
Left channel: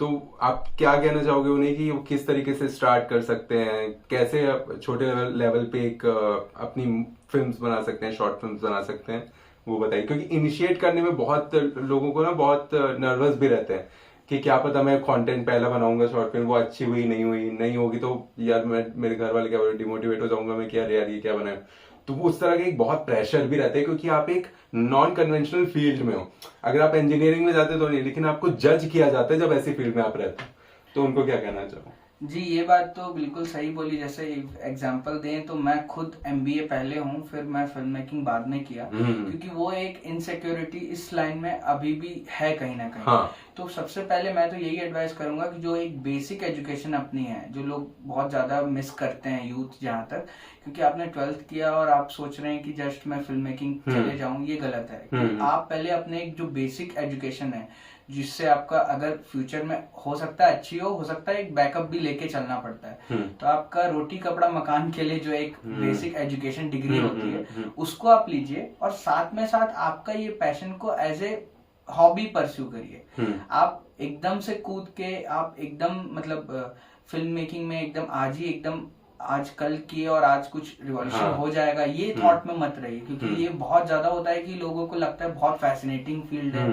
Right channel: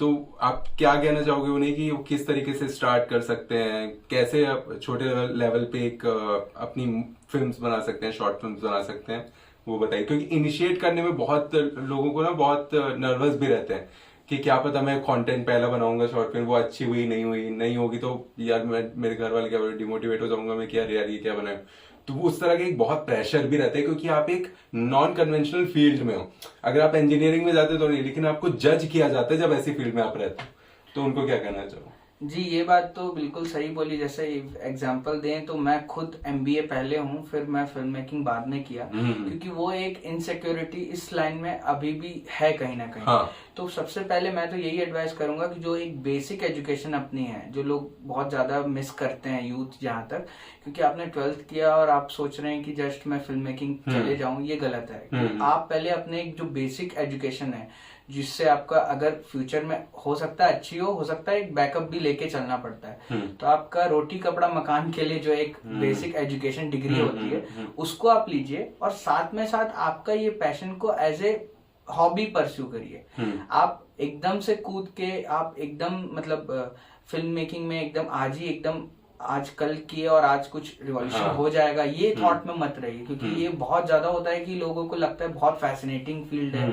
तो आप क्या कहना चाहोगे उन्हें कि वो किस तरीके से स्टार्ट कर सकते हैं, कैसे आप छोटे लेवल पे एक अपनी फिल्म्स बना सकते हैं, शॉर्ट फिल्म्स बना सकते हैं, वो बताइए। क्योंकि इनिशिएट करने में बहुत लोगों को ना बहुत नर्वस भी रहते हैं कि क्या पता मैं कंटेंट पहला बनाऊंगा शॉर्ट फिल्म, वो अच्छी हुई नहीं होगी तो यार मैं, मेरे घर वाले क्या डिमोटिवेट हो जाऊंगा मैं, क्या यार ये क्या बनाए। तो वो उस तरह के एक बहुत प्रेशर भी रहता है, क्योंकि आप एक नॉन कन्वेंशनल फील्ड में हो। अगर आप इंजीनियरिंग में जाते तो नहीं, लेकिन आपको जज किया जाता है जब ऐसी फील्ड में आप रहते हो। तो उनको क्या कहना चाहो? जी, ये बात तो बिल्कुल सही बोली। जैसे एग्जांपल दें तो मैं खुद एमबीए पहले हूँ, फिर मैं फिल्म मेकिंग बाद में किया, क्योंकि वो एक इनसिक्योरिटी इस लाइन में अभी भी है कहीं ना कहीं। हाँ। तो सबसे पहले मैं तो यही एडवाइस करूंगा कि जो एक बेसिक एजुकेशन अपनी है, जो लोग बहुत ज्यादा मिस करते हैं यूथ जहां तक, क्योंकि आपने 12th किया और आप सोच रहे हैं कि जस्ट मैं फिल्म मेकिंग चले जाऊं, ये गलत है। कि आप पहले अपने एक जो बेसिक एजुकेशन है, जिससे आपका अगर फ्यूचर में हो सकता है अच्छी हो सकता है एक बैकअप भी लेके चलना पड़ता है। तो आपका रोटी कपड़ा मकान के लिए जो एक बेसिक एजुकेशन डिग्री होती है उसको आप लीजिए, और साथ में साथ आपका ये पैशन को एज ए हॉबी परस्यू करिए। आप एकदम से कूद के आप एकदम मतलब फिल्म मेकिंग में एकदम आज कल किए और आज कुछ रिवॉल्यूशन हो जाएगा, ये थॉट में मत रहिए, क्योंकि ये बहुत ज्यादा होता है कि लोगों को लगता है बहुत फैसिनेटिंग फील्ड है,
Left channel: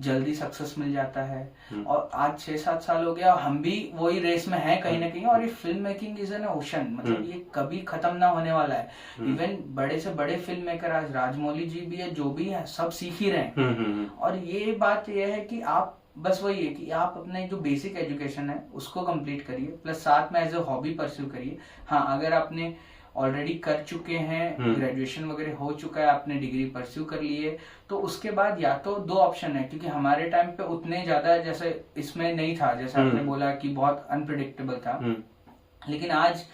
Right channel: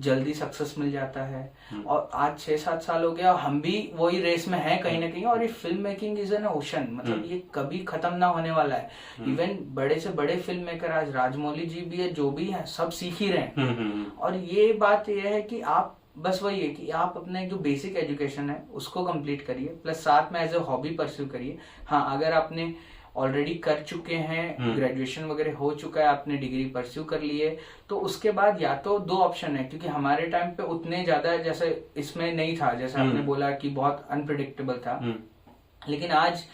जल्दी सक्सेस मिल जाता है। और आज 6-7 साल हो गया, हम भी वही रेस में हैं कहीं ना कहीं, और ये film making is an ocean, मतलब ये कभी खत्म ना होने वाला है। इवन बड़े से बड़े फिल्म मेकर आज राजमौली जी भी है, जो भी है, सब सीख ही रहे हैं। और ये बात ये है कि आप बस वही है कि आप अपना एक जो बेसिक एजुकेशन है उसको कंप्लीट करिए, प्लस साथ में एज ए हॉबी परस्यू करिए। हाँ, अगर आपने ऑलरेडी कर चुके हैं, ग्रेजुएशन वगैरह हो चुका है, आपने डिग्री परस्यू कर ली है, तो उसके बाद या तो 2 ऑप्शन है, क्योंकि हमारे टाइम पे उतने ज्यादा जैसे इसमें नहीं था, जैसे आपने बोला कि बहुत अनप्रिडिक्टेबल था, लेकिन आज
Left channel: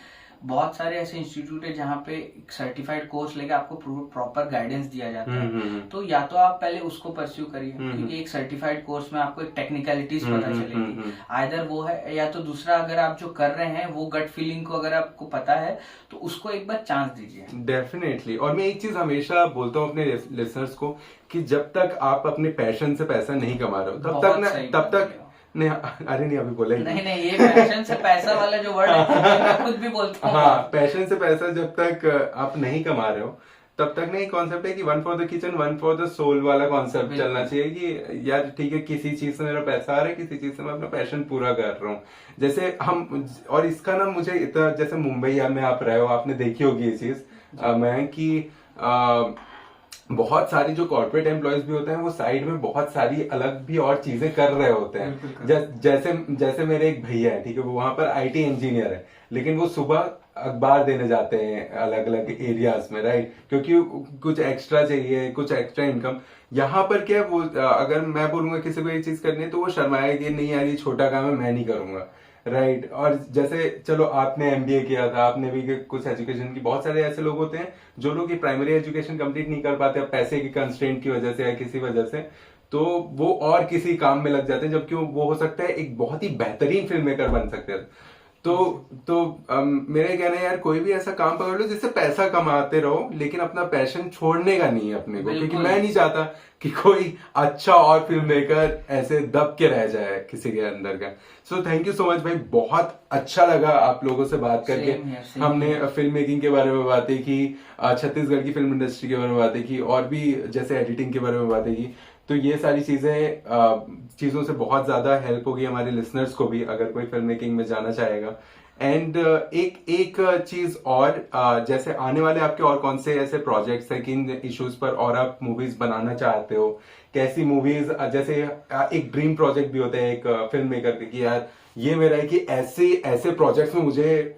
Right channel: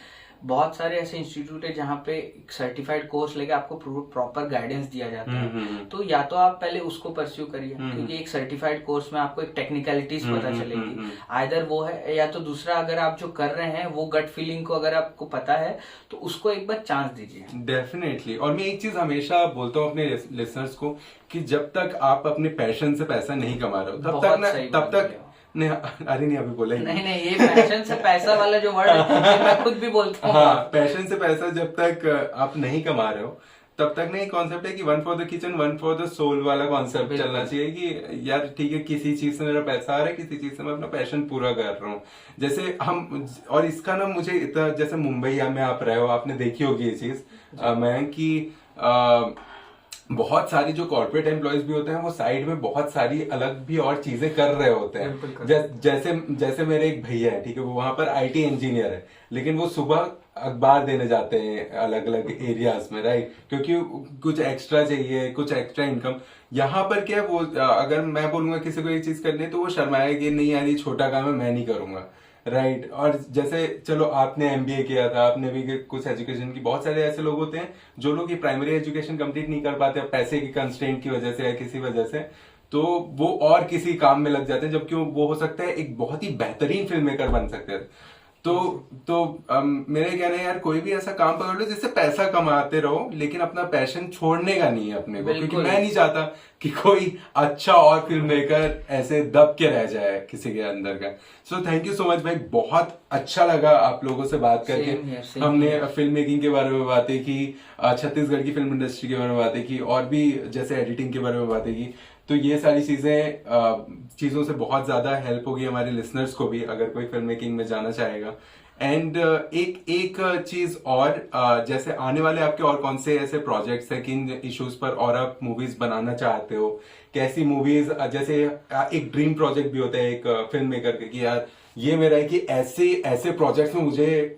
बहुत सारे ऐसे इंस्टीट्यूट है जहाँ पे सर्टिफाइड कोर्स लेके आपको प्रॉपर गाइडेंस दिया जाता है। तो या तो आप पहले उसको परस्यू करिए, क्योंकि एक सर्टिफाइड कोर्स में आपको एक टेक्निकलिटीज पता चलेगी, आइदर वो है, या तो दूसरा अगर आप जो कर रहे हैं वो गट फीलिंग को अगर आपको पता है तो उसको एक बार चांस दीजिए। डेफिनेटली। और मैं एक चीज हमेशा बोलता हूँ अपने लिसनर्स को कि जब तक आप अपने पैशन से पैसा नहीं कमा रहे हो तब तक नहीं, अरे नहीं अभी बोला नहीं, ये पैशन से पैसा वाला जो वर्ड है मैं खुद भी बोलता हूँ। हाँ, पैशन से पैसा जब तक आप नहीं कमा रहे हो तब तक नहीं, कॉन्सेप्ट है कि 1 for the kitchen 1 for the soul वाला कॉन्सेप्ट चलना चाहिए कि यार ठीक है, किसी चीज से मेरा पैसा आ रहा है, किसी चीज से मैं अपना पैशन पूरा कर रहा हूँ। जैसे हम, और इसका ना मुझे इतना, जैसे मुंबई में आप रहे हो, आपने देखी होगी ये चीज मैं कि बहुत सारी जो कॉर्पोरेट एम्प्लॉयज भी होते हैं वो साइड में बहुत सारी अलग भी और चीजें कर रहे होते हैं। जैसे मेरे एक भैया है, ठीक है, वो वहां पर आईटी इंजीनियर है, लेकिन वो सुबह अखबार देने जाते हैं अलग अलग एरियाज में, राइट, क्योंकि कुछ एक्स्ट्रा चाहिए, कुछ एक्स्ट्रा इनकम। यहाँ पर क्या वो, अगर मैं बोलूंगा किसी को ये चीज करनी है तो वो शर्माएगी, नहीं यार ये छोटा काम है, मैं नहीं करूंगा, राइट। और जैसे चलो आपने एमबीए किया था, आपने भी कुछ एजुकेशन की, बहुत सारे ऐसे लोग होते हैं जो लोग की प्राइमरी एजुकेशन कंप्लीट नहीं कर पाते पैसे की कंस्ट्रेंट की वजह से या किसी वजह से, तो वो और किसी काम में लग जाते हैं, जबकि वो हो सकता है एक बहुत ही बेहतरीन फिल्म मेकर बन सकते हैं। मेरा कहना है यार, कोई भी ऐसा काम पकड़ लो जिससे पैसा कमाते रहो, लेकिन अपना पैशन छोड़ने का नहीं है अपने को, क्योंकि मैं नहीं चाहता कि कोई अच्छा और फिल्म मेकर ऐसे दब के रह जाए किसी के अंदर का। So thank you so much भाई, बहुत अच्छा लगा आप लोगों से बात करके। हमने फिल्म मेकिंग के बारे में बातें की, छत्तीसगढ़ की फिल्म इंडस्ट्री के बारे में बातें की, और भी जैसे एडिटिंग के बारे में बातें की। तो ये सारी चीजों से बहुत ज्यादा हेल्प होगी हमारे लिसनर्स को भी, अगर कोई फिल्म मेकिंग में जाना चाहेगा। एंड एक चीज और, जैसे आने वाले आपके और कौन से ऐसे प्रोजेक्ट्स हैं, किन इश्यूज पर और आप मूवीज बनाना चाहते हो, कैसी मूवीज, जैसे एक ड्रीम प्रोजेक्ट भी होता है एक फिल्म मेकर के कि यार ये मेरा है कि ऐसे प्रोजेक्ट्स में मुझे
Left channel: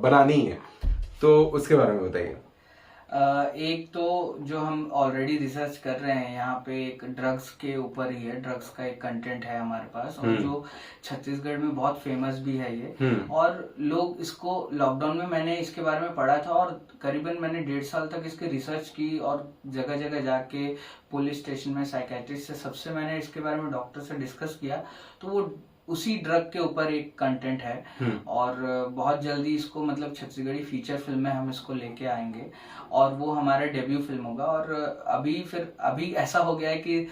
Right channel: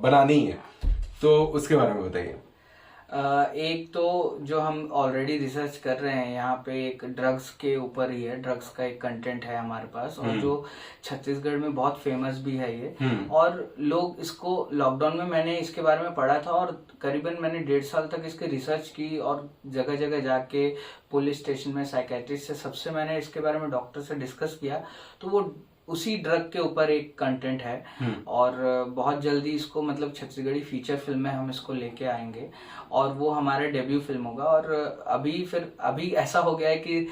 बनानी है, तो उसके बारे में बताइए। एक तो जो हम ऑलरेडी रिसर्च कर रहे हैं यहाँ पे, एक ड्रग्स के ऊपर ही है, ड्रग्स का एक कंटेंट है हमारे पास, और जो छत्तीसगढ़ में बहुत फेमस भी है ये, और लोग इसको लॉकडाउन में मैंने इसके बारे में पढ़ा था, और करीबन मैंने 1.5 साल तक इसकी रिसर्च की, और जगह जगह जाके पुलिस स्टेशन में साइकेट्रिस्ट से सबसे मैंने इसके बारे में डॉक्टर से डिस्कस किया, तो वो उसी ड्रग के ऊपर एक कंटेंट है। और बहुत जल्दी इसको मतलब छत्तीसगढ़ी फीचर फिल्म में हम इसको लेके आएंगे, और वो हमारा डेब्यू फिल्म होगा। और अभी ऐसा हो गया है कि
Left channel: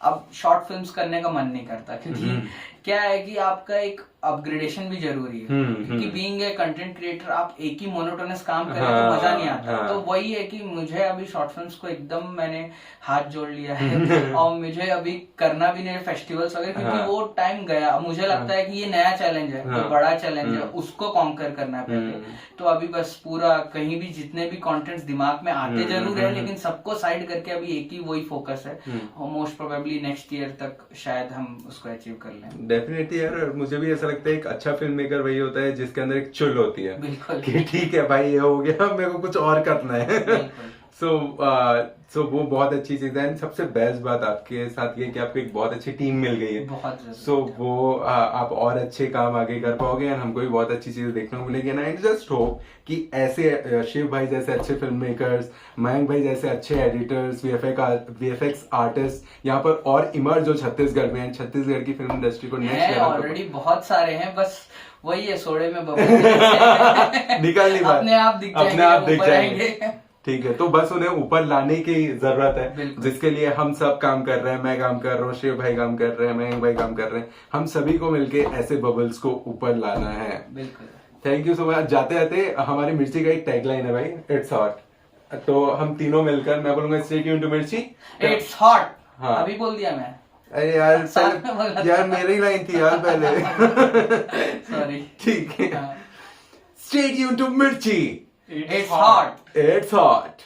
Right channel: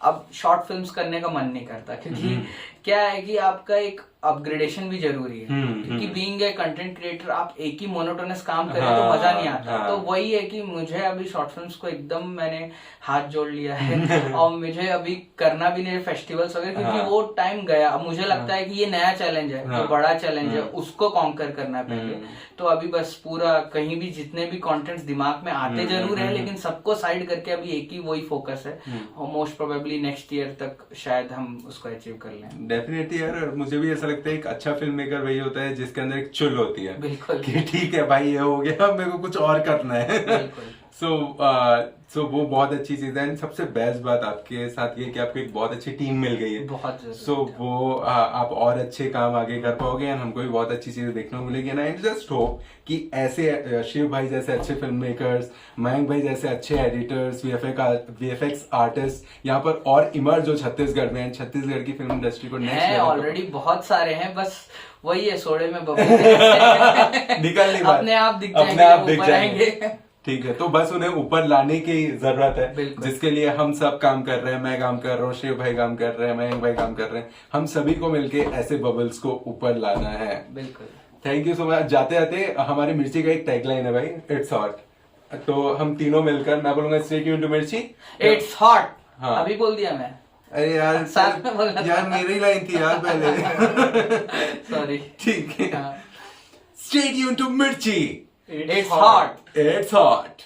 अब शॉर्ट फिल्म्स करने का मन नहीं करता, क्योंकि क्या है कि आपका एक अपग्रेडेशन भी जरूरी है, क्योंकि बीइंग ए कंटेंट क्रिएटर आप एक ही मोनोटोनस काम करें तो मजा नहीं आता। तो वही है कि मुझे अभी शॉर्ट फिल्म्स को एकदम मैंने हाथ जोड़ लिया है, और मुझे अभी करना भी नहीं फेस्टिवल्स वगैरह, क्योंकि वो टाइम गया। अब मुझे लगता है कि ये नया चैलेंज है, तो बड़ा चैलेंज है, उसको कॉन्कर करना है पहले। तो अभी बस पूरा कहीं भी जितने भी कॉन्टेंट्स दिमाग में आते जरूर है, लेकिन सबको साइड करके अभी एक ही वही फोकस है, और मोस्ट प्रोबेबली नेक्स्ट ईयर तक शायद हम उसको अचीव कर लें। डेफिनेटली यार, मुझे भी ऐसा लगता है एक अच्छा फिल्म मेकर वही होता है जिसके अंदर एक चुल होती है, बिल्कुल, कि ठीक है भाई ये हो गया, मेरे को कुछ और करना है। सो वो बहुत अच्छी चीज है। सबसे बेस्ट बात आपके साथ ये कि आपको एक बहुत अच्छी टीम मिल गई है, बहुत। सो वो आप और अच्छे काम आगे कर पाओगे, और हमको भी बहुत अच्छी चीजें देखने को मिलेगी। एंड जस्ट होप कि ऐसे शिव भाई जैसे अच्छे फिल्म मेकर्स, मयंक भाई जैसे अच्छे एडिटर्स, वीएफएक्स आर्टिस्ट यहाँ पर और इमर्ज हो छत्तीसगढ़ में, छत्तीसगढ़ की फिल्म इंडस्ट्री को नेक्स्ट लेवल ऑलरेडी बहुत सारे हैं, बस वही है सोडे में बबल निकलनी बात, अपने आप दिख जाएंगे। ठीक है, तो बस उन्हें ऊपर लाने की जरूरत है, जिसके लिए हम सब काम कर रहे हैं। मैं काम कर रहा हूँ, शिव भाई काम कर रहे हैं, मयंक भाई काम कर रहे हैं, हम सभी को मिलके ऐसे बबल्स को ऊपर लाना है। बिल्कुल, थैंक यू सो मच। जाते जाते हमारी मिर्ची का एक टैगलाइन है भाई, इट्स हॉट, तो हम तीनों मिलकर, मैं बोलूंगा स्टे ट्यून्ड टू मिर्ची, इट्स हॉट। हाँ, अभी बोल दिया मैं। अरे यार मेरी लाइन थी यार पहले, सॉरी। ठीक है, स्टे ट्यून्ड टू मिर्ची, It's hot. It's hot.